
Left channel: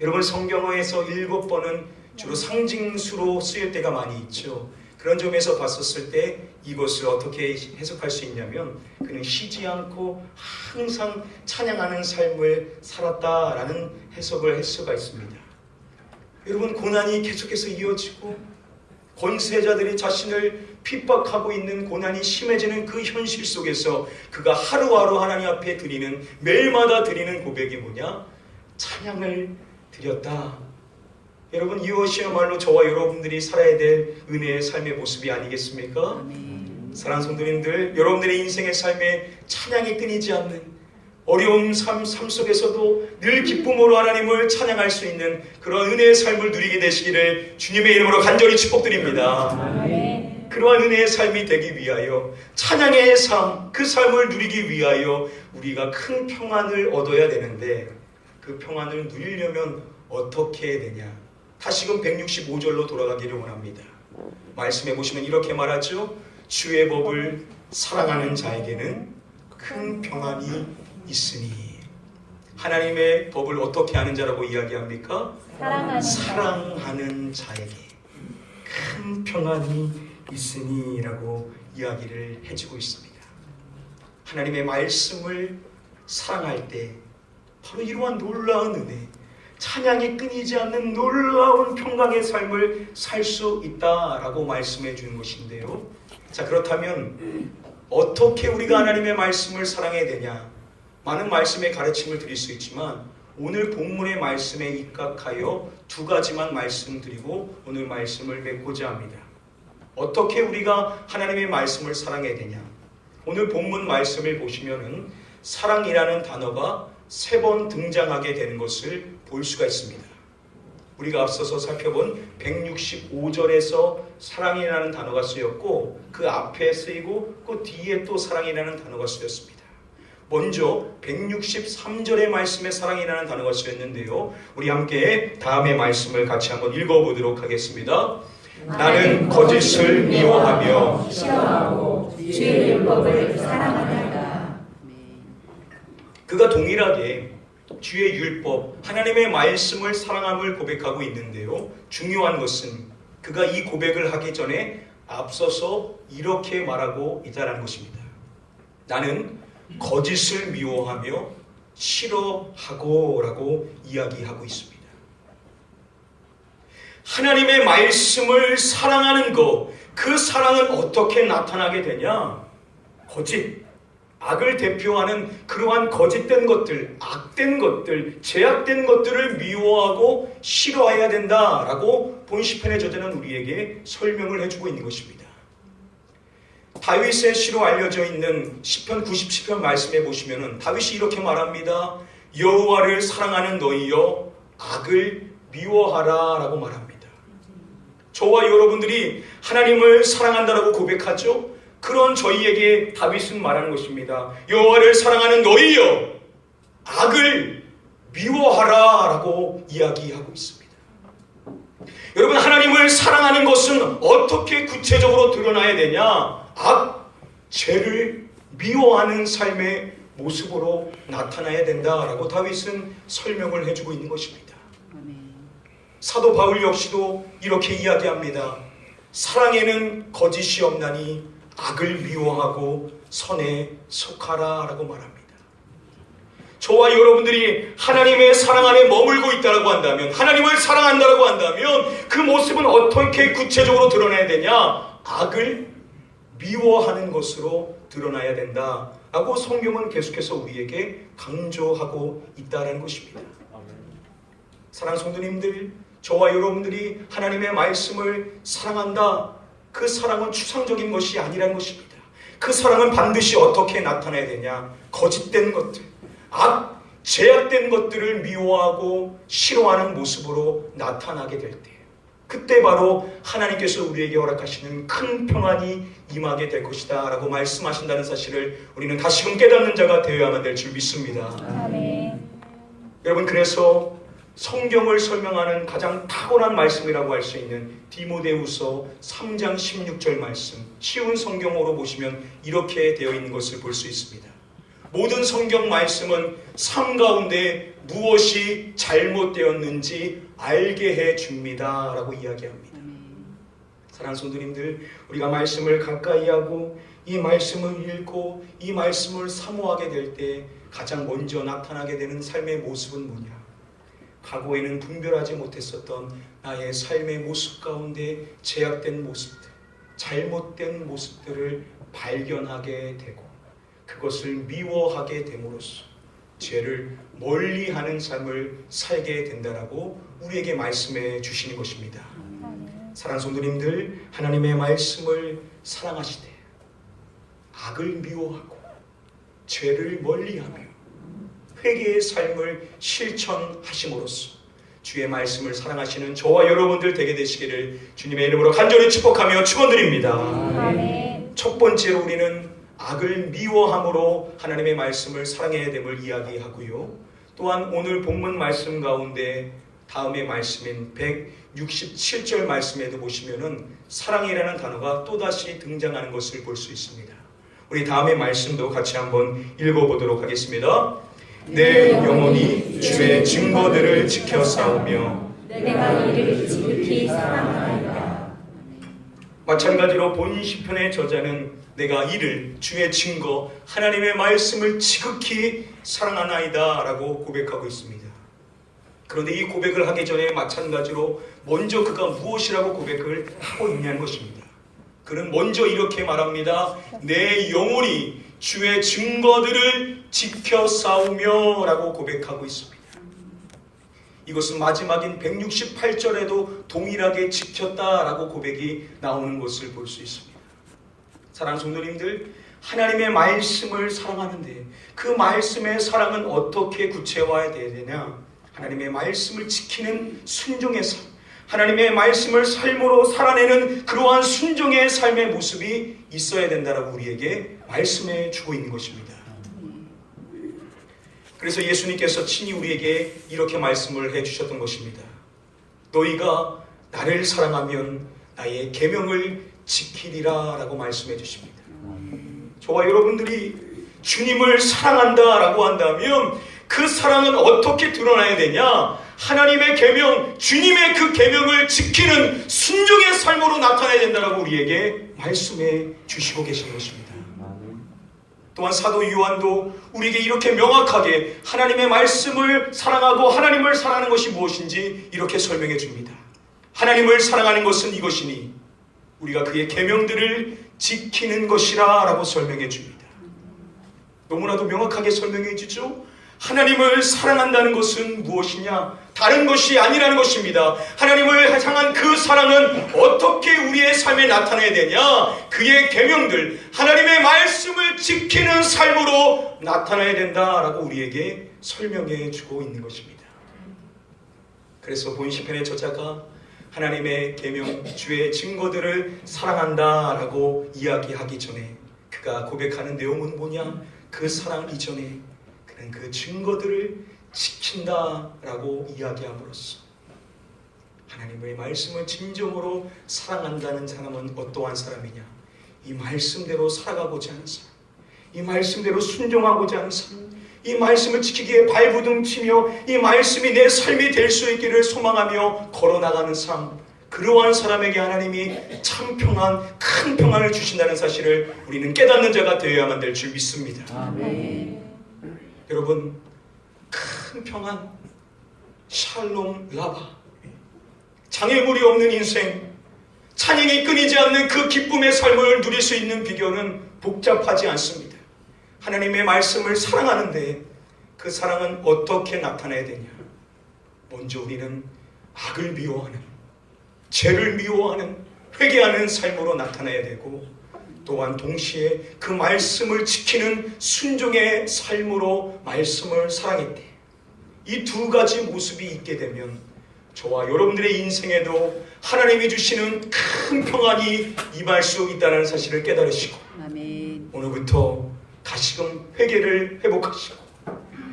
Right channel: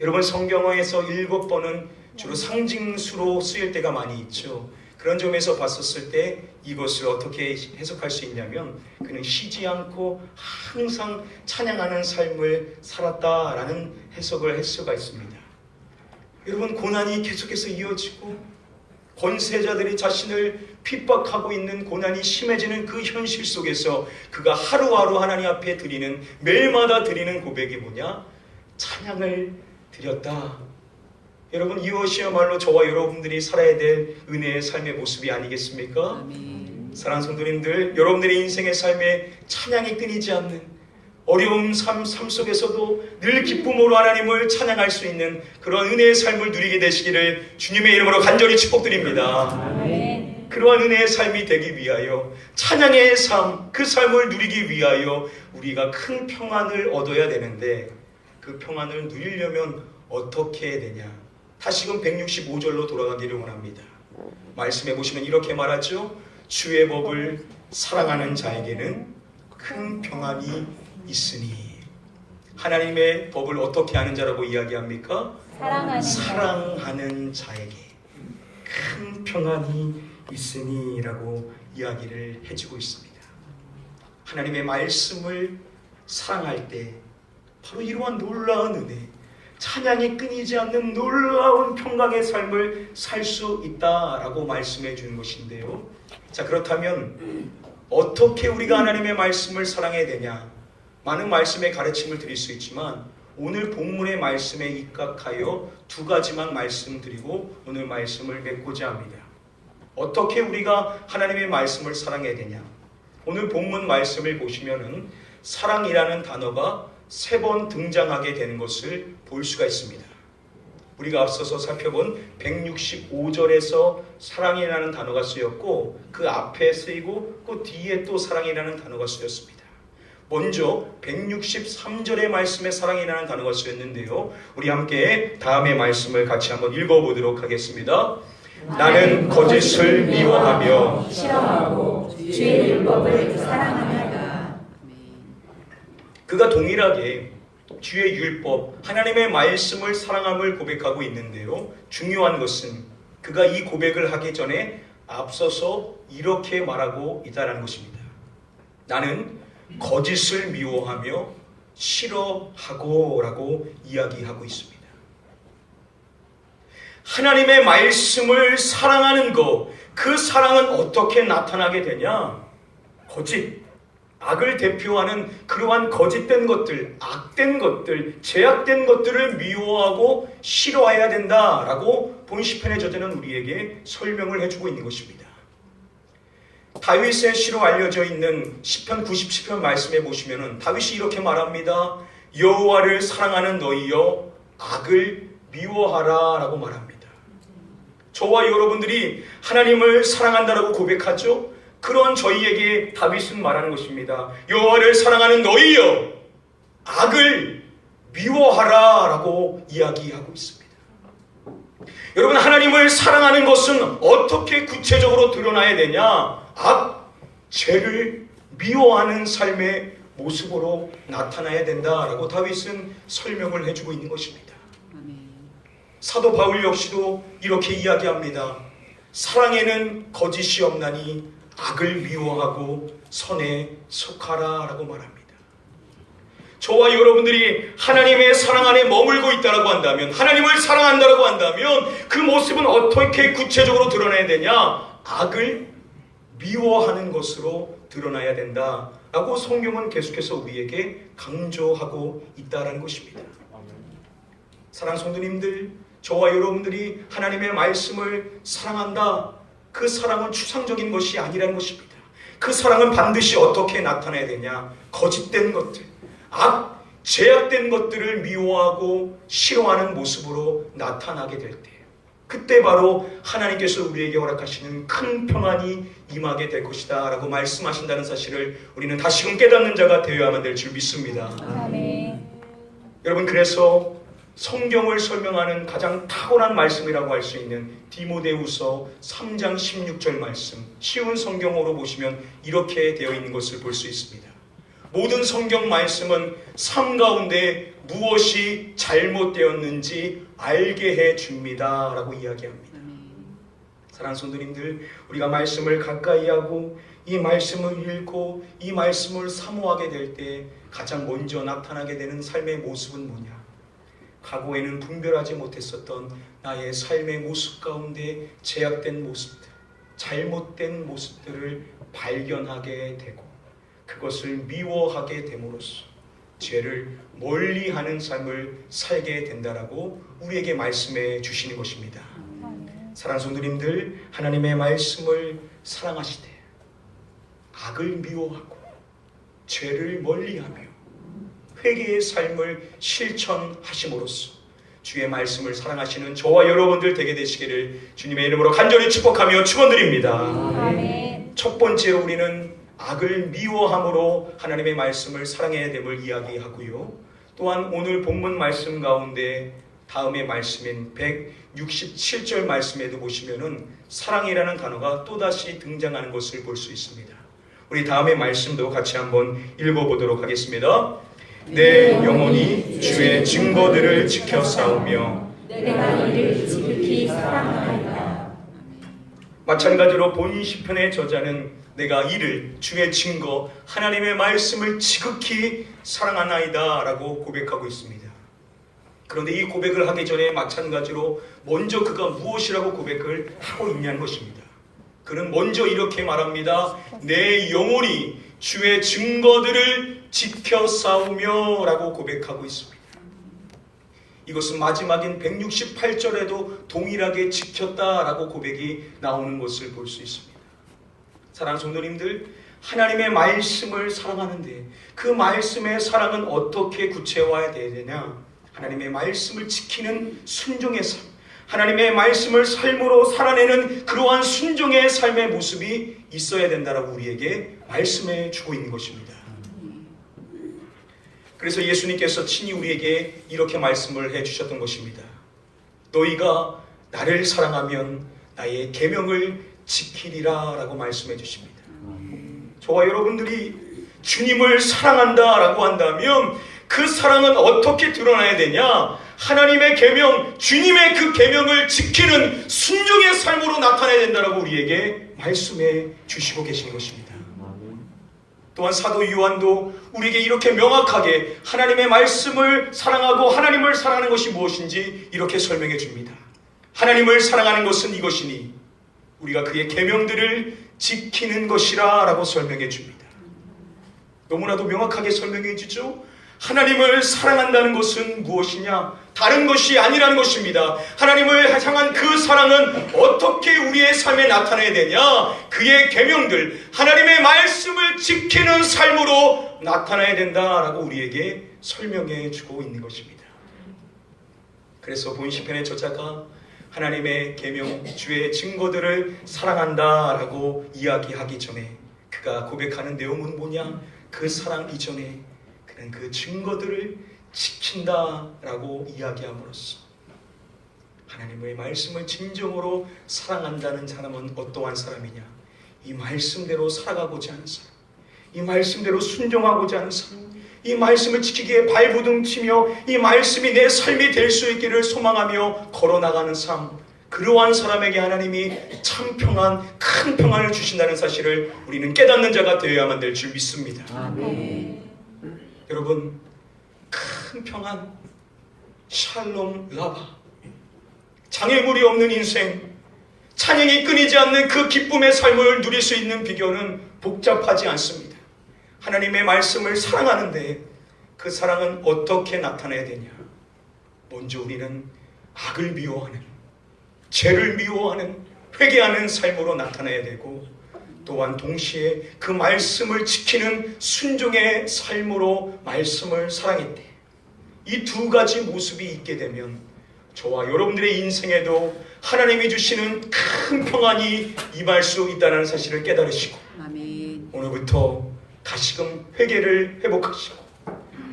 여러분 성경어에서 7번은 주로 상징수로 쓰일 때가 많이 있죠. 그런 점에서 봤었을 때 이것을 어떻게 해석할 수 있냐면 그는 쉬지 않고 항상 찬양하는 삶을 살았다라는 해석을 할 수가 있습니다. 여러분 고난이 계속해서 이어지고 권세자들이 자신을 핍박하고 있는 고난이 심해지는 그 현실 속에서 그가 하루하루 하나님 앞에 드리는 매일마다 드리는 고백이 뭐냐? 찬양을 드렸다. 여러분 이것이야말로 저와 여러분들이 살아야 될 은혜의 삶의 모습이 아니겠습니까? 사랑하는 성도님들, 여러분들의 인생의 삶에 찬양이 끊이지 않는 어려운 삶 속에서도 늘 기쁨으로 하나님을 찬양할 수 있는 그런 은혜의 삶을 누리게 되시기를 주님의 이름으로 간절히 축복드립니다. 그러한 은혜의 삶이 되기 위하여 찬양의 삶, 그 삶을 누리기 위하여 우리가 큰 평안을 얻어야 되는데 그 평안을 누리려면 어떻게 해야 되냐? 다시금 165절로 돌아가기를 원합니다. 말씀해 보시면 이렇게 말하죠. 주의 법을 사랑하는 자에게는 큰 평안이 있으니. 하나님의 법을 어떻게 하는 자라고 이야기합니까? 사랑하는 자에게 큰 평안이 있으니 라고 이야기를 해주고 있습니다. 하나님의 말씀을 사랑할 때 바로 이러한 놀라운 은혜, 찬양이 끊이지 않는 놀라운 평강의 삶을 살 수 있다라고 말씀해 주는 것인데요. 자, 그렇다면 어떻게 우리가 하나님의 말씀을 사랑해야 되냐? 많은 말씀의 가르침을 드릴 수 있지만 오늘 본문의 말씀에 입각하여 두 가지만 말씀드리고 오늘 말씀을 맺고자 합니다. 어떻게 우리가 하나님의 말씀을 사랑해야 되냐? 오늘 본문 말씀을 보시면은 사랑이라는 단어가 3번 등장하게 되는 것을 볼 수가 있습니다. 우리가 앞서서 살펴본 165절에서 사랑이라는 단어가 쓰였고 그 앞에 쓰이고 그 뒤에 또 사랑이라는 단어가 쓰였습니다. 먼저 163절의 말씀에 사랑이라는 단어가 쓰였는데요. 우리 함께 다음의 말씀을 같이 한번 읽어보도록 하겠습니다. 나는 거짓을 미워하며 싫어하고 주의 율법을 사랑합니다. 그가 동일하게 주의 율법, 하나님의 말씀을 사랑함을 고백하고 있는데요. 중요한 것은 그가 이 고백을 하기 전에 앞서서 이렇게 말하고 있다는 것입니다. 나는 거짓을 미워하며 싫어하고 라고 이야기하고 있습니다. 하나님의 말씀을 사랑하는 것, 그 사랑은 어떻게 나타나게 되냐? 거짓, 악을 대표하는 그러한 거짓된 것들, 악된 것들, 제약된 것들을 미워하고 싫어해야 된다라고 본 시편의 저자는 우리에게 설명을 해주고 있는 것입니다. 다윗의 시로 알려져 있는 시편 97편 말씀에 보시면은 다윗이 이렇게 말합니다. 여호와를 사랑하는 너희여 악을 미워하라 라고 말합니다. 저와 여러분들이 하나님을 사랑한다라고 고백하죠. 그런 저희에게 다윗은 말하는 것입니다. 여호와를 사랑하는 너희여 악을 미워하라 라고 이야기하고 있습니다. 여러분, 하나님을 사랑하는 것은 어떻게 구체적으로 드러나야 되냐? 악, 죄를 미워하는 삶의 모습으로 나타나야 된다라고 다윗은 설명을 해주고 있는 것입니다. 사도 바울 역시도 이렇게 이야기합니다. 사랑에는 거짓이 없나니 악을 미워하고 선에 속하라 라고 말합니다. 저와 여러분들이 하나님의 사랑 안에 머물고 있다고 한다면, 하나님을 사랑한다고 한다면 그 모습은 어떻게 구체적으로 드러나야 되냐? 악을 미워하는 것으로 드러나야 된다 라고 성경은 계속해서 우리에게 강조하고 있다는 것입니다. 사랑하는 성도님들, 저와 여러분들이 하나님의 말씀을 사랑한다. 그 사랑은 추상적인 것이 아니라는 것입니다. 그 사랑은 반드시 어떻게 나타나야 되냐? 거짓된 것들, 제약된 것들을 미워하고 싫어하는 모습으로 나타나게 될 때, 그때 바로 하나님께서 우리에게 허락하시는 큰 평안이 임하게 될 것이다 라고 말씀하신다는 사실을 우리는 다시금 깨닫는 자가 되어야만 될 줄 믿습니다. 아멘. 여러분, 그래서 성경을 설명하는 가장 탁월한 말씀이라고 할 수 있는 디모데후서 3장 16절 말씀, 쉬운 성경어로 보시면 이렇게 되어 있는 것을 볼 수 있습니다. 모든 성경 말씀은 삶 가운데 무엇이 잘못되었는지 알게 해줍니다 라고 이야기합니다. 사랑하는 성도님들, 우리가 말씀을 가까이 하고 이 말씀을 읽고 이 말씀을 사모하게 될 때 가장 먼저 나타나게 되는 삶의 모습은 뭐냐? 과거에는 분별하지 못했었던 나의 삶의 모습 가운데 제약된 모습들, 잘못된 모습들을 발견하게 되고 그것을 미워하게 됨으로써 죄를 멀리하는 삶을 살게 된다라고 우리에게 말씀해 주시는 것입니다. 사랑하는 성도님들, 하나님의 말씀을 사랑하시되 악을 미워하고 죄를 멀리하며 회개의 삶을 실천하심으로써 주의 말씀을 사랑하시는 저와 여러분들 되게 되시기를 주님의 이름으로 간절히 축복하며 축원드립니다. 첫 번째로 우리는 악을 미워함으로 하나님의 말씀을 사랑해야 됨을 이야기하고요. 또한 오늘 본문 말씀 가운데 다음의 말씀인 167절 말씀에도 보시면은 사랑이라는 단어가 또다시 등장하는 것을 볼 수 있습니다. 우리 다음의 말씀도 같이 한번 읽어보도록 하겠습니다. 내 영혼이 주의 증거들을 지켜 싸우며 내가 이를 지극히 사랑하리라. 마찬가지로 본 시편의 저자는 내가 이를 주의 증거 하나님의 말씀을 지극히 사랑하나이다 라고 고백하고 있습니다. 그런데 이 고백을 하기 전에 마찬가지로 먼저 그가 무엇이라고 고백을 하고 있냐는 것입니다. 그는 먼저 이렇게 말합니다. 내 영혼이 주의 증거들을 지켜 싸우며 라고 고백하고 있습니다. 이것은 마지막인 168절에도 동일하게 지켰다라고 고백이 나오는 것을 볼 수 있습니다. 사랑하는 성도님들, 하나님의 말씀을 사랑하는데 그 말씀의 사랑은 어떻게 구체화해야 되느냐? 하나님의 말씀을 지키는 순종의 삶, 하나님의 말씀을 삶으로 살아내는 그러한 순종의 삶의 모습이 있어야 된다라고 우리에게 말씀해 주고 있는 것입니다. 그래서 예수님께서 친히 우리에게 이렇게 말씀을 해주셨던 것입니다. 너희가 나를 사랑하면 나의 계명을 지키리라 라고 말씀해 주십니다. 저와 여러분들이 주님을 사랑한다라고 한다면 그 사랑은 어떻게 드러나야 되냐? 하나님의 계명, 주님의 그 계명을 지키는 순종의 삶으로 나타나야 된다라고 우리에게 말씀해 주시고 계신 것입니다. 또한 사도 요한도 우리에게 이렇게 명확하게 하나님의 말씀을 사랑하고 하나님을 사랑하는 것이 무엇인지 이렇게 설명해 줍니다. 하나님을 사랑하는 것은 이것이니 우리가 그의 계명들을 지키는 것이라 라고 설명해 줍니다. 너무나도 명확하게 설명해 주죠. 하나님을 사랑한다는 것은 무엇이냐? 다른 것이 아니라는 것입니다. 하나님을 향한 그 사랑은 어떻게 우리의 삶에 나타나야 되냐? 그의 계명들, 하나님의 말씀을 지키는 삶으로 나타나야 된다라고 우리에게 설명해 주고 있는 것입니다. 그래서 본 시편의 저자가 하나님의 계명, 주의 증거들을 사랑한다라고 이야기하기 전에 그가 고백하는 내용은 뭐냐? 그 사랑 이전에 그는 그 증거들을 지킨다라고 이야기함으로써 하나님의 말씀을 진정으로 사랑한다는 사람은 어떠한 사람이냐? 이 말씀대로 살아가고자 하는 사람, 이 말씀대로 순종하고자 하는 사람, 이 말씀을 지키기에 발부둥치며 이 말씀이 내 삶이 될 수 있기를 소망하며 걸어나가는 삶, 그러한 사람에게 하나님이 참 평안, 큰 평안을 주신다는 사실을 우리는 깨닫는 자가 되어야만 될 줄 믿습니다. 아멘. 여러분, 큰 평안, 샬롬 라바, 장애물이 없는 인생, 찬양이 끊이지 않는 그 기쁨의 삶을 누릴 수 있는 비결은 복잡하지 않습니다. 하나님의 말씀을 사랑하는데 그 사랑은 어떻게 나타나야 되냐? 먼저 우리는 악을 미워하는, 죄를 미워하는, 회개하는 삶으로 나타나야 되고, 또한 동시에 그 말씀을 지키는 순종의 삶으로 말씀을 사랑했대. 이 두 가지 모습이 있게 되면 저와 여러분들의 인생에도 하나님이 주시는 큰 평안이 임할 수 있다는 사실을 깨달으시고, 아멘. 오늘부터 다시금 회개를 회복하시고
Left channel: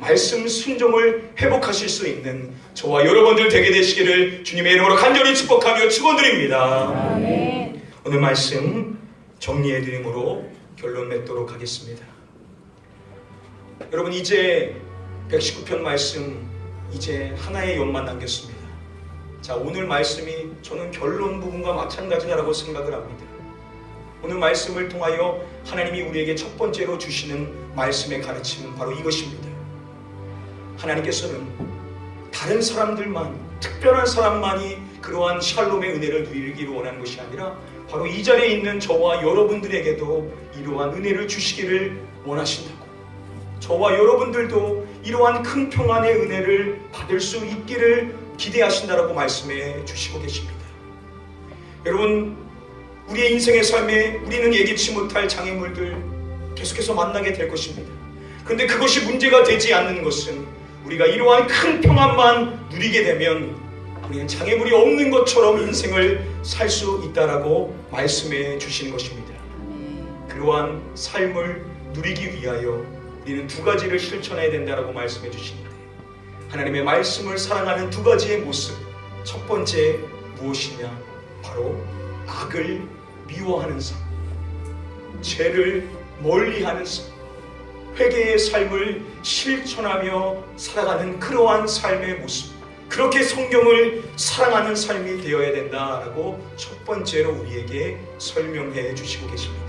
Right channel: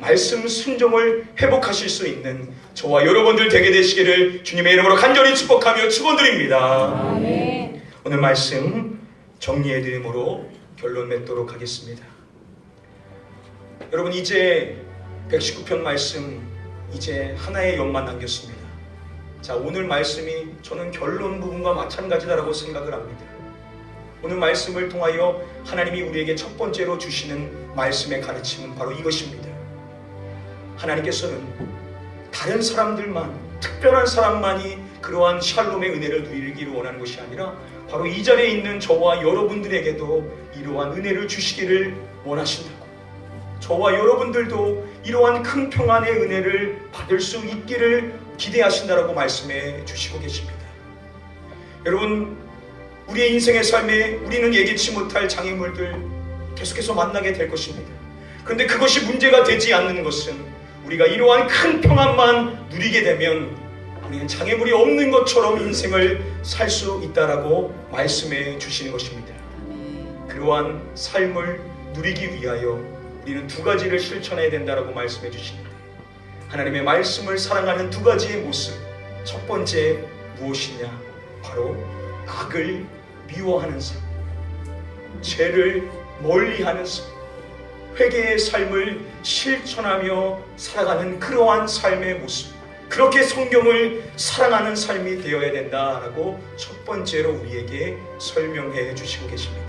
말씀 순종을 회복하실 수 있는 저와 여러분들 되게 되시기를 주님의 이름으로 간절히 축복하며 축원드립니다. 아멘. 오늘 말씀 정리해드림으로 결론 맺도록 하겠습니다. 여러분, 이제 119편 말씀 이제 하나의 연만 남겼습니다. 자, 오늘 말씀이 저는 결론 부분과 마찬가지다라고 생각을 합니다. 오늘 말씀을 통하여 하나님이 우리에게 첫 번째로 주시는 말씀의 가르침은 바로 이것입니다. 하나님께서는 다른 사람들만, 특별한 사람만이 그러한 샬롬의 은혜를 누리기를 원하는 것이 아니라 바로 이 자리에 있는 저와 여러분들에게도 이러한 은혜를 주시기를 원하신다고, 저와 여러분들도 이러한 큰 평안의 은혜를 받을 수 있기를 기대하신다라고 말씀해 주시고 계십니다. 여러분, 우리의 인생의 삶에 우리는 예기치 못할 장애물들 계속해서 만나게 될 것입니다. 그런데 그것이 문제가 되지 않는 것은 우리가 이러한 큰 평안만 누리게 되면 우리는 장애물이 없는 것처럼 인생을 살 수 있다라고 말씀해 주시는 것입니다. 그러한 삶을 누리기 위하여 우리는 두 가지를 실천해야 된다라고 말씀해 주십니다. 하나님의 말씀을 사랑하는 두 가지의 모습. 첫 번째 무엇이냐? 바로 악을 미워하는 삶, 죄를 멀리하는 삶, 회개의 삶을 실천하며 살아가는 그러한 삶의 모습, 그렇게 성경을 사랑하는 삶이 되어야 된다라고 첫 번째로 우리에게 설명해 주시고 계십니다.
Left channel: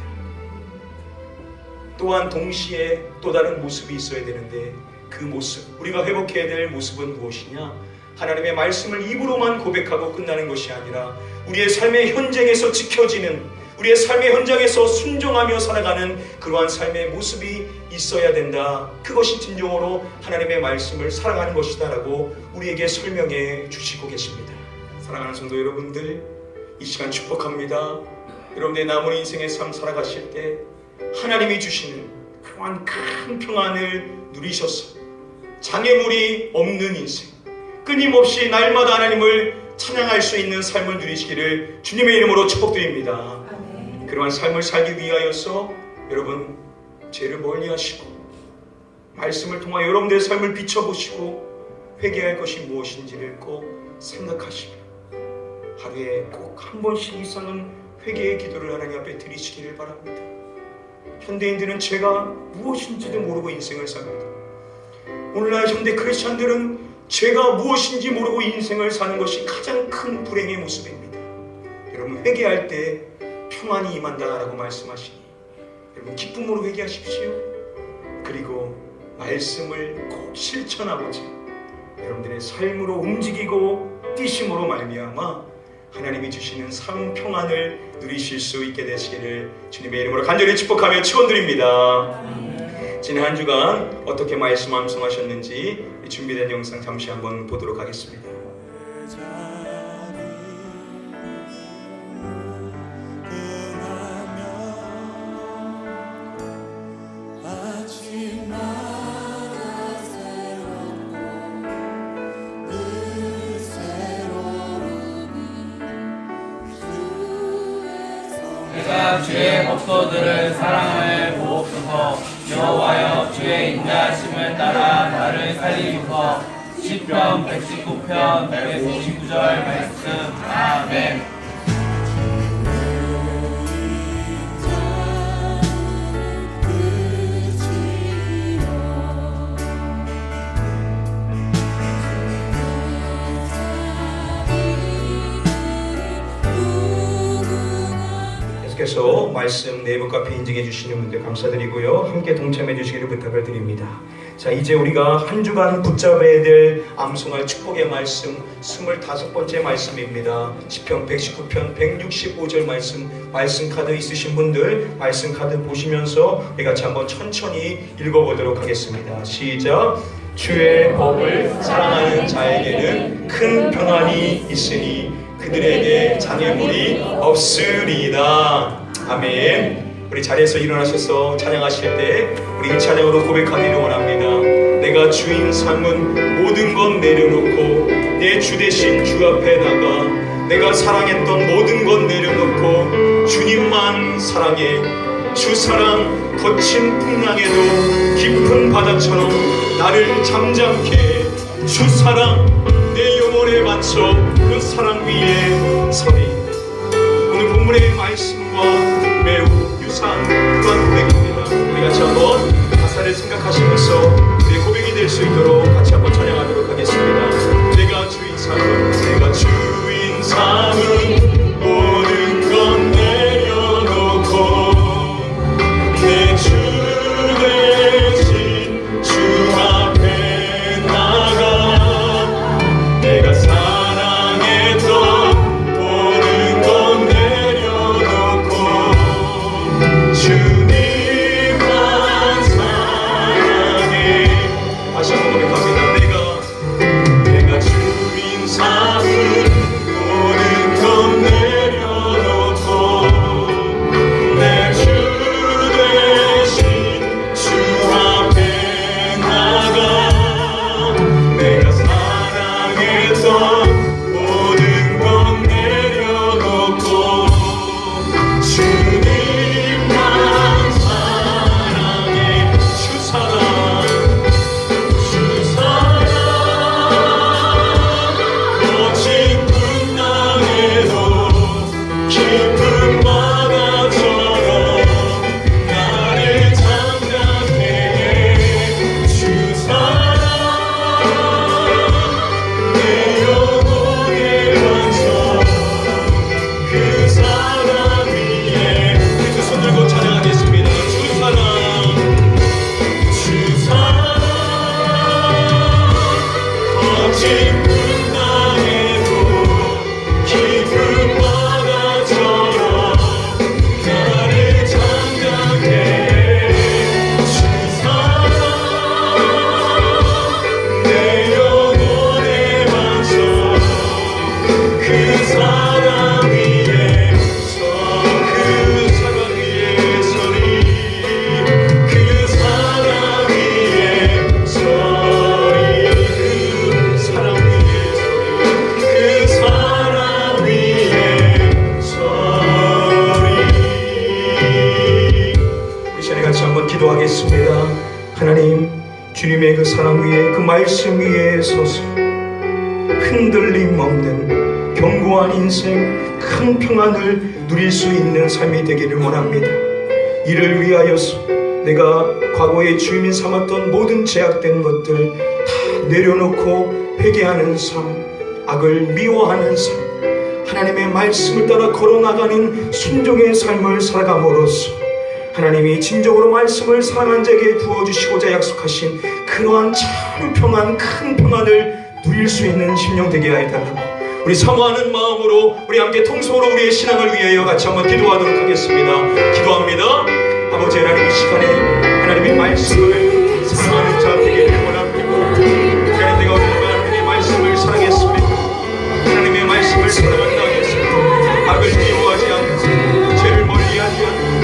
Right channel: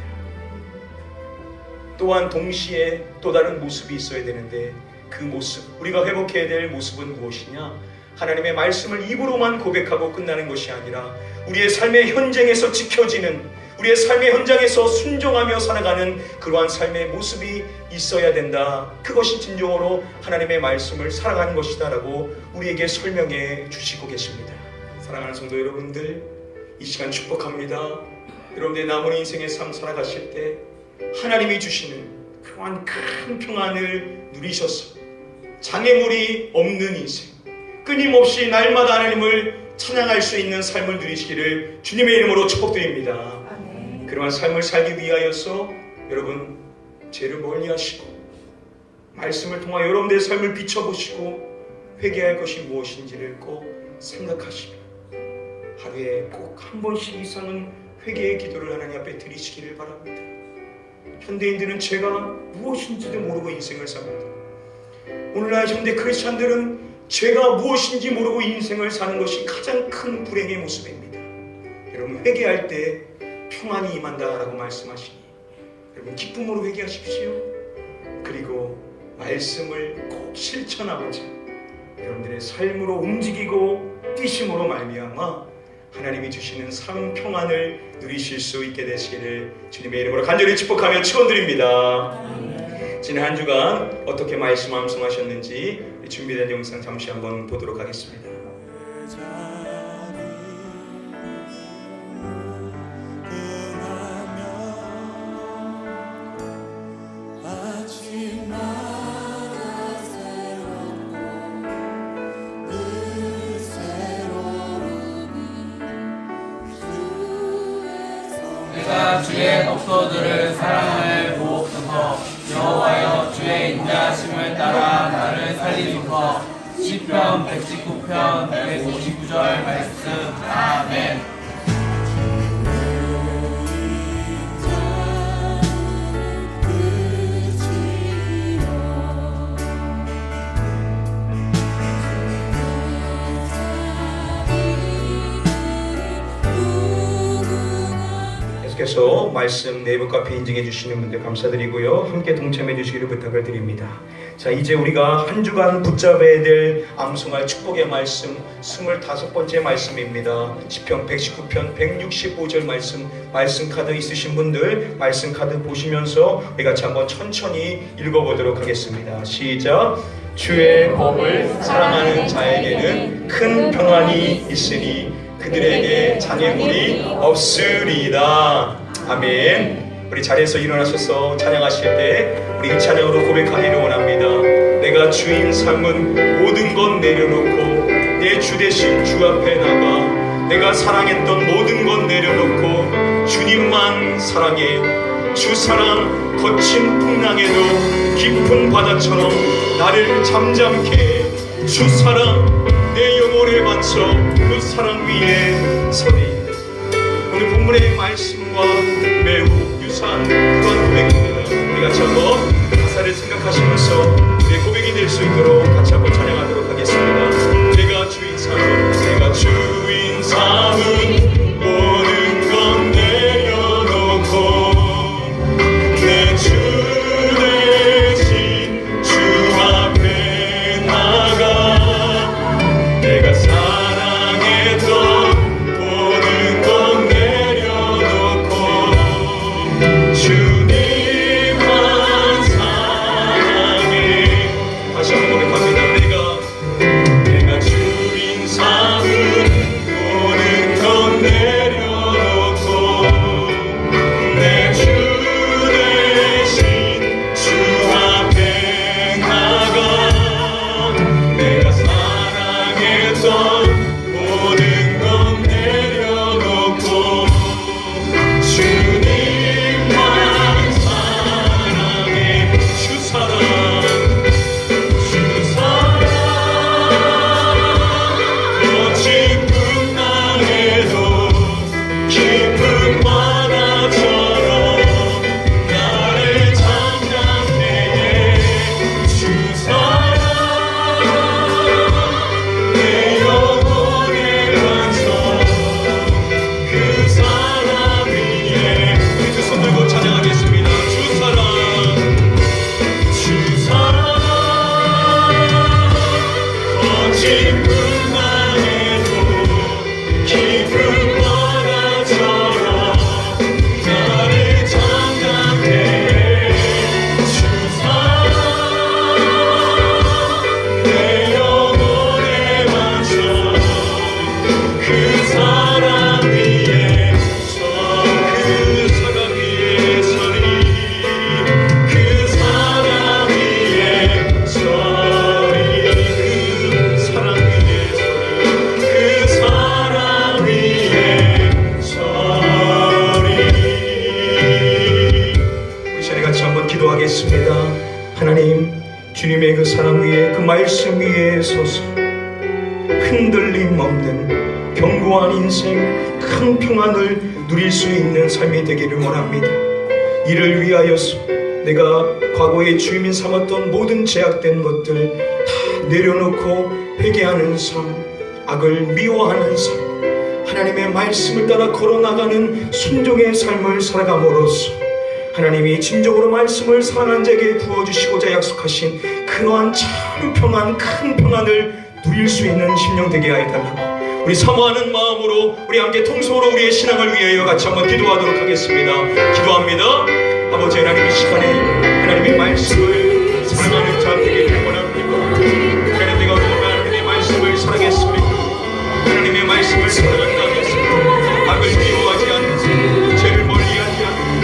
또한 동시에 또 다른 모습이 있어야 되는데, 그 모습, 우리가 회복해야 될 모습은 무엇이냐? 하나님의 말씀을 입으로만 고백하고 끝나는 것이 아니라 우리의 삶의 현장에서 지켜지는, 우리의 삶의 현장에서 순종하며 살아가는 그러한 삶의 모습이 있어야 된다. 그것이 진정으로 하나님의 말씀을 사랑하는 것이다 라고 우리에게 설명해 주시고 계십니다. 사랑하는 성도 여러분들, 이 시간 축복합니다. 여러분의 남은 인생의 삶 살아가실 때 하나님이 주시는 그러한 큰 평안을 누리셔서 장애물이 없는 인생, 끊임없이 날마다 하나님을 찬양할 수 있는 삶을 누리시기를 주님의 이름으로 축복드립니다. 그러한 삶을 살기 위하여서 여러분 죄를 멀리하시고 말씀을 통하여 여러분들의 삶을 비춰보시고 회개할 것이 무엇인지를 꼭 생각하시고 하루에 꼭 한 번씩 이상은 회개의 기도를 하나님 앞에 드리시기를 바랍니다. 현대인들은 죄가 무엇인지도 모르고 인생을 삽니다. 오늘날 현대 크리스찬들은 죄가 무엇인지 모르고 인생을 사는 것이 가장 큰 불행의 모습입니다. 여러분, 회개할 때 평안이 임한다라고 말씀하시니 여러분 기쁨으로 회개하십시오. 그리고 말씀을 꼭 실천하고자 여러분들의 삶으로 움직이고 뛰심으로 말미암아 하나님이 주시는 삶 평안을 누리실 수 있게 되시기를 주님의 이름으로 간절히 축복하며 축원드립니다. 지난 한 주간 어떻게 말씀 암송하셨는지 준비된 영상 잠시 한번 보도록 하겠습니다. 우리가 주의 법도들을 사랑을 보옵소서. 여호와여, 주의 인자하심을 따라 나를 살리소서. 시편 119편 159절 말씀. 아멘. 계속해서 말씀 네이버 카페 인증해 주시는 분들 감사드리고요. 함께 동참해 주시기를 부탁을 드립니다. 자, 이제 우리가 한 주간 붙잡아야 될 암송할 축복의 말씀 25번째 말씀입니다. 시편 119편 165절 말씀 카드 있으신 분들 말씀 카드 보시면서 우리 같이 한번 천천히 읽어보도록 하겠습니다. 시작. 주의 법을 사랑하는 자에게는 큰 평안이 있으니 그들에게 장애물이 없으리다. 아멘. 우리 자리에서 일어나셔서 찬양하실 때 우리 이 찬양으로 고백하기를 원합니다. 내가 주인 삶은 모든 것 내려놓고 내 주 대신 주 앞에 나가 내가 사랑했던 모든 것 내려놓고 주님만 사랑해. 주 사랑 거친 풍랑에도 깊은 바다처럼 나를 잠잠케 해. 주 사랑 내 영혼에 맞춰 그 사랑 위에 서리. 오늘 본문의 말씀과 매우 유사한 그런 고백입니다. 우리 같이 한번 가사를 생각하시면서 내 고백이 될 수 있도록 같이 한번 찬양하도록 하겠습니다. 내가 주인 삼은 내가 주인 삼은 모든 건 내려놓고 내 주 대신 주 앞에 나가 내가 사랑했던 모든 건 내려놓고 주님만 사랑해. 다시 한번 고백합니다. 내가 주인 삼은 모든 건 내려놓고 내 주 대신 주 앞에 나가 내가 사랑했던 모든 건 내려놓고 주님만 사랑해. 주 사랑 주 사랑 거친 풍랑에도 깊은 바다처럼 나를 잠잠케 해. 주 사랑 내 영혼에 맞춰 그 사랑 위에 우리 두 손 들고 찬양하겠습니다. 주 사랑 주 사랑 거친 풍랑에도 깊은 바다처럼 나를 잠잠케 해. 주 사랑 내 영혼에 맞춰 그 사랑 위에 서 그 사랑 위에 서리 그 사랑 위에 서리 그 사랑 위에 서리 그 사랑 위에 서리. 우리 자리 같이 한번 기도하겠습니다. 하나님, 주님의 그 사랑 위에 그 말씀 위에 서서 흔들림 없는 견고한 인생 큰 평안을 누릴 수 있는 삶이 되기를 원합니다. 이를 위하여서 내가 과거에 주인이 삼았던 모든 제약된 것들 다 내려놓고 회개하는 삶, 악을 미워하는 삶, 하나님의 말씀을 따라 걸어나가는 순종의 삶을 살아감으로써 하나님이 진정으로 말씀을 사랑한 자에게 부어주시고자 약속하신 그러한 참 평안, 큰 평안을 누릴 수 있는 심령 되게 하여 달라고 우리 사모하는 마음으로 우리 함께 통성으로 우리의 신앙을 위하여 같이 한번 기도하도록 하겠습니다. 기도합니다. 아버지 하나님, 이 시간에 하나님의 말씀을 사랑하는 자 되기를 원합니다. 하나님, 내가 하나님의 말씀을 사랑했습니다. 하나님의 말씀을 사랑한다 하겠습니다. 악을 미워하지 않고 죄를 멀리하지 않고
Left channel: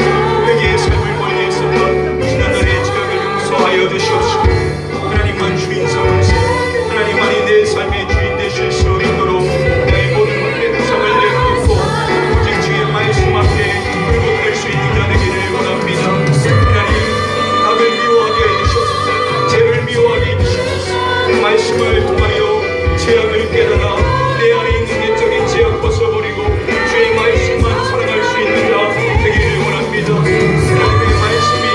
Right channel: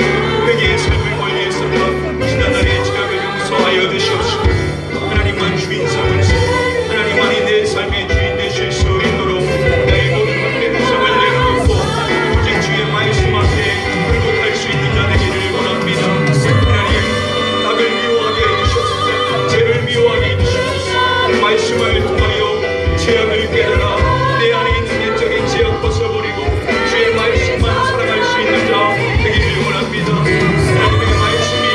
회개의 삶을 멀리했습니다. 지난날의 죄악을 용서하여 주시옵시고 하나님만 주인 삼으시고 하나님만이 내 삶의 주인 되실 수 있도록 나의 모든 것의 구성을 내려놓고 오직 주의 말씀 앞에 굴복할 수 있는 자 되기를 원합니다. 하나님, 악을 미워하게 해주셨습니다. 죄를 미워하게 해주셨습니다. 말씀을 통하여 죄악을 깨달아 내 안에 있는 내적인 죄악 벗어버리고 주의 말씀만 살아갈 수 있는 자 되기를 원합니다. 하나님의 말씀이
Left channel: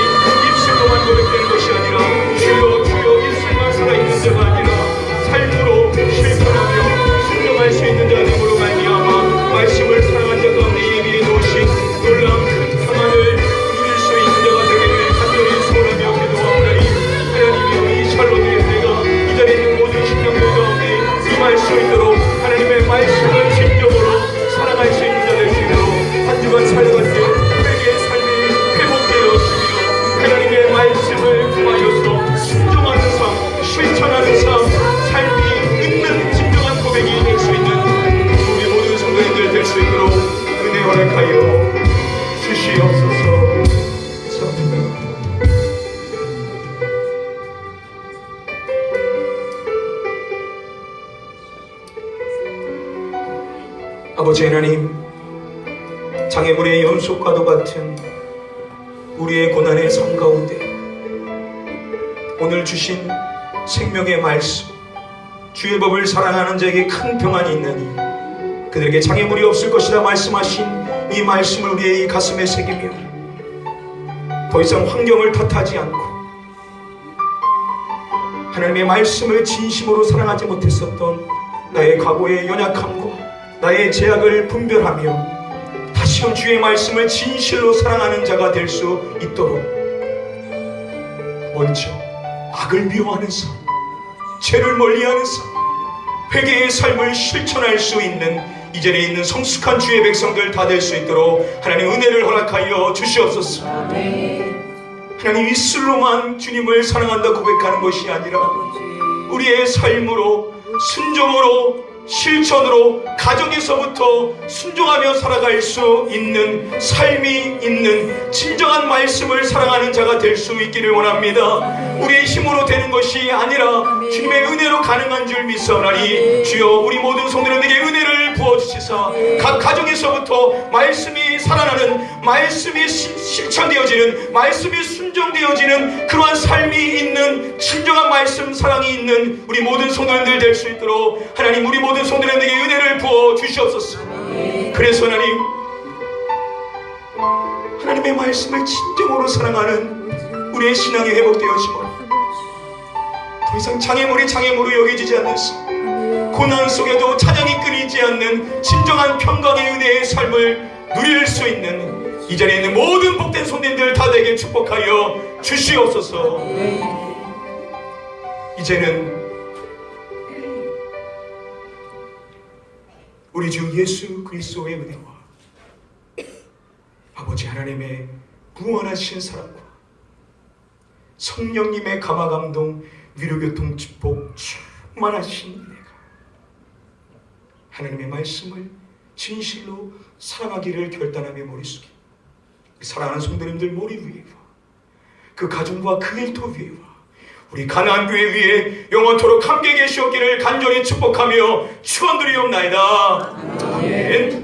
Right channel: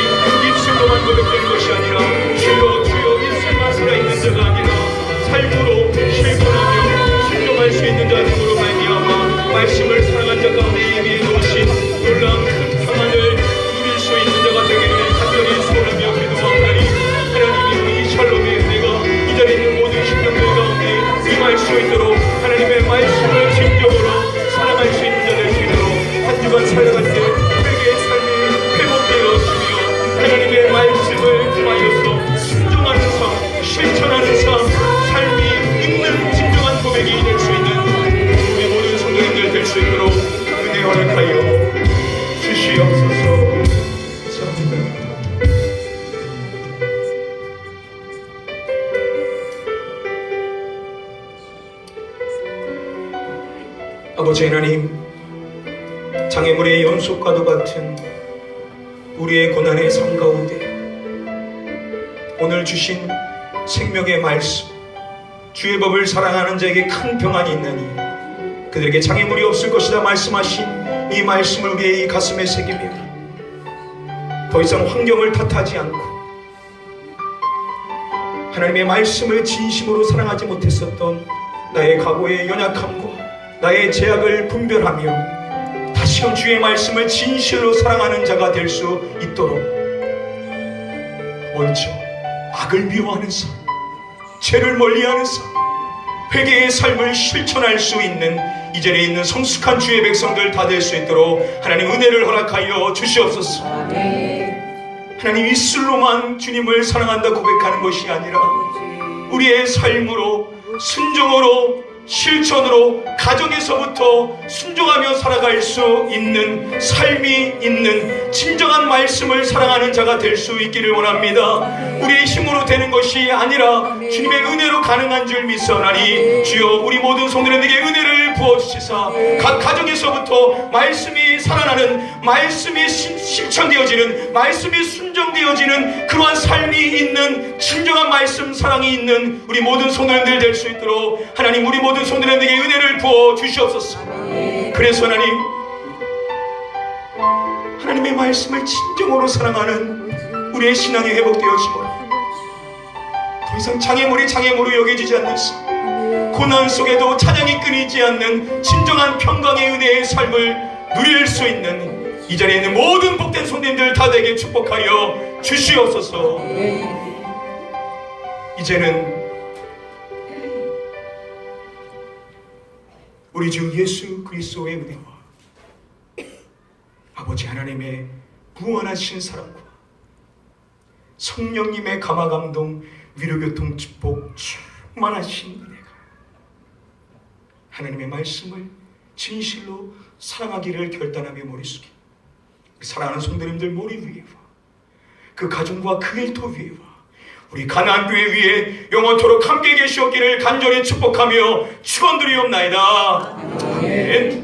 입술로만 고백되는 것이 아니라 주여 주여 입술만 살아있는 자가 아니라 삶으로 실천하며 순종할 수 있는 자 되므로 말미암아 말씀을 사랑한 자 가운데 예비해 놓으신 놀라운 큰 평안을 누릴 수 있는 자가 되기를 간절히 소원하며 기도하오나니 하나님의 이 수 있도록 하나님의 말씀을 진정으로 살아갈 수 있는 자 될 수 있도록 한 주간 살아갈 때 우리에게 삶이 회복되어지며 하나님의 말씀을 구하여서 순종하는 삶, 실천하는 삶, 삶이 있는 진정한 고백이 될 수 있는 우리 모든 성도님들 될 수 있도록 은혜 허락하여 주시옵소서. 감사합니다. 아버지 하나님, 장애물의 연속과도 같은 우리의 고난의 삶 가운데 오늘 주신 생명의 말씀, 주의 법을 사랑하는 자에게 큰 평안이 있나니 그들에게 장애물이 없을 것이다 말씀하신 이 말씀을 우리의 이 가슴에 새기며 더 이상 환경을 탓하지 않고 하나님의 말씀을 진심으로 사랑하지 못했었던 나의 과거의 연약함과 나의 죄악을 분별하며 다시금 주의 말씀을 진실로 사랑하는 자가 될 수 있도록 먼저 악을 미워하는 삶, 죄를 멀리하는 삶, 회개의 삶을 실천할 수 있는 이 자리에 있는 성숙한 주의 백성들 다 될 수 있도록 하나님 은혜를 허락하여 주시옵소서. 하나님 입술로만 주님을 사랑한다 고백하는 것이 아니라 우리의 삶으로 순종으로 실천으로 가정에서부터 순종하며 살아갈 수 있는 삶이 있는 진정한 말씀을 사랑하는 자가 될 수 있기를 원합니다. 우리의 힘으로 되는 것이 아니라 주님의 은혜로 가능한 줄 믿사오나니 주여 우리 모든 성도님들에게 은혜를 부어주시사 각 가정에서부터 말씀이 살아나는, 말씀이 실천되어지는, 말씀이 순종되어지는 그러한 삶이 있는 진정한 말씀 사랑이 있는 우리 모든 성도님들 될 수 있도록 하나님 우리 모든 성도님들에게 은혜를 부어 주시옵소서. 그래서 하나님의 말씀을 진정으로 사랑하는 우리의 신앙이 회복되어지고 더 이상 장애물이 장애물로 여겨지지 않는 삶, 고난 속에도 찬양이 끊이지 않는 진정한 평강의 은혜의 삶을 누릴 수 있는 이 자리에 있는 모든 복된 손님들 다 되게 축복하여 주시옵소서. 이제는 우리 주 예수 그리스도의 은혜와 아버지 하나님의 무한하신 사랑과 성령님의 감화감동 위로교통 축복 충만하신 은혜가 하나님의 말씀을 진실로 사랑하기를 결단하며 머릿속에 사랑하는 성도님들 머리 위에와 그 가정과 그 일터 위에와 우리 가나안 교회 위에 영원토록 함께 계시옵기를 간절히 축복하며 축원드리옵나이다. 아멘.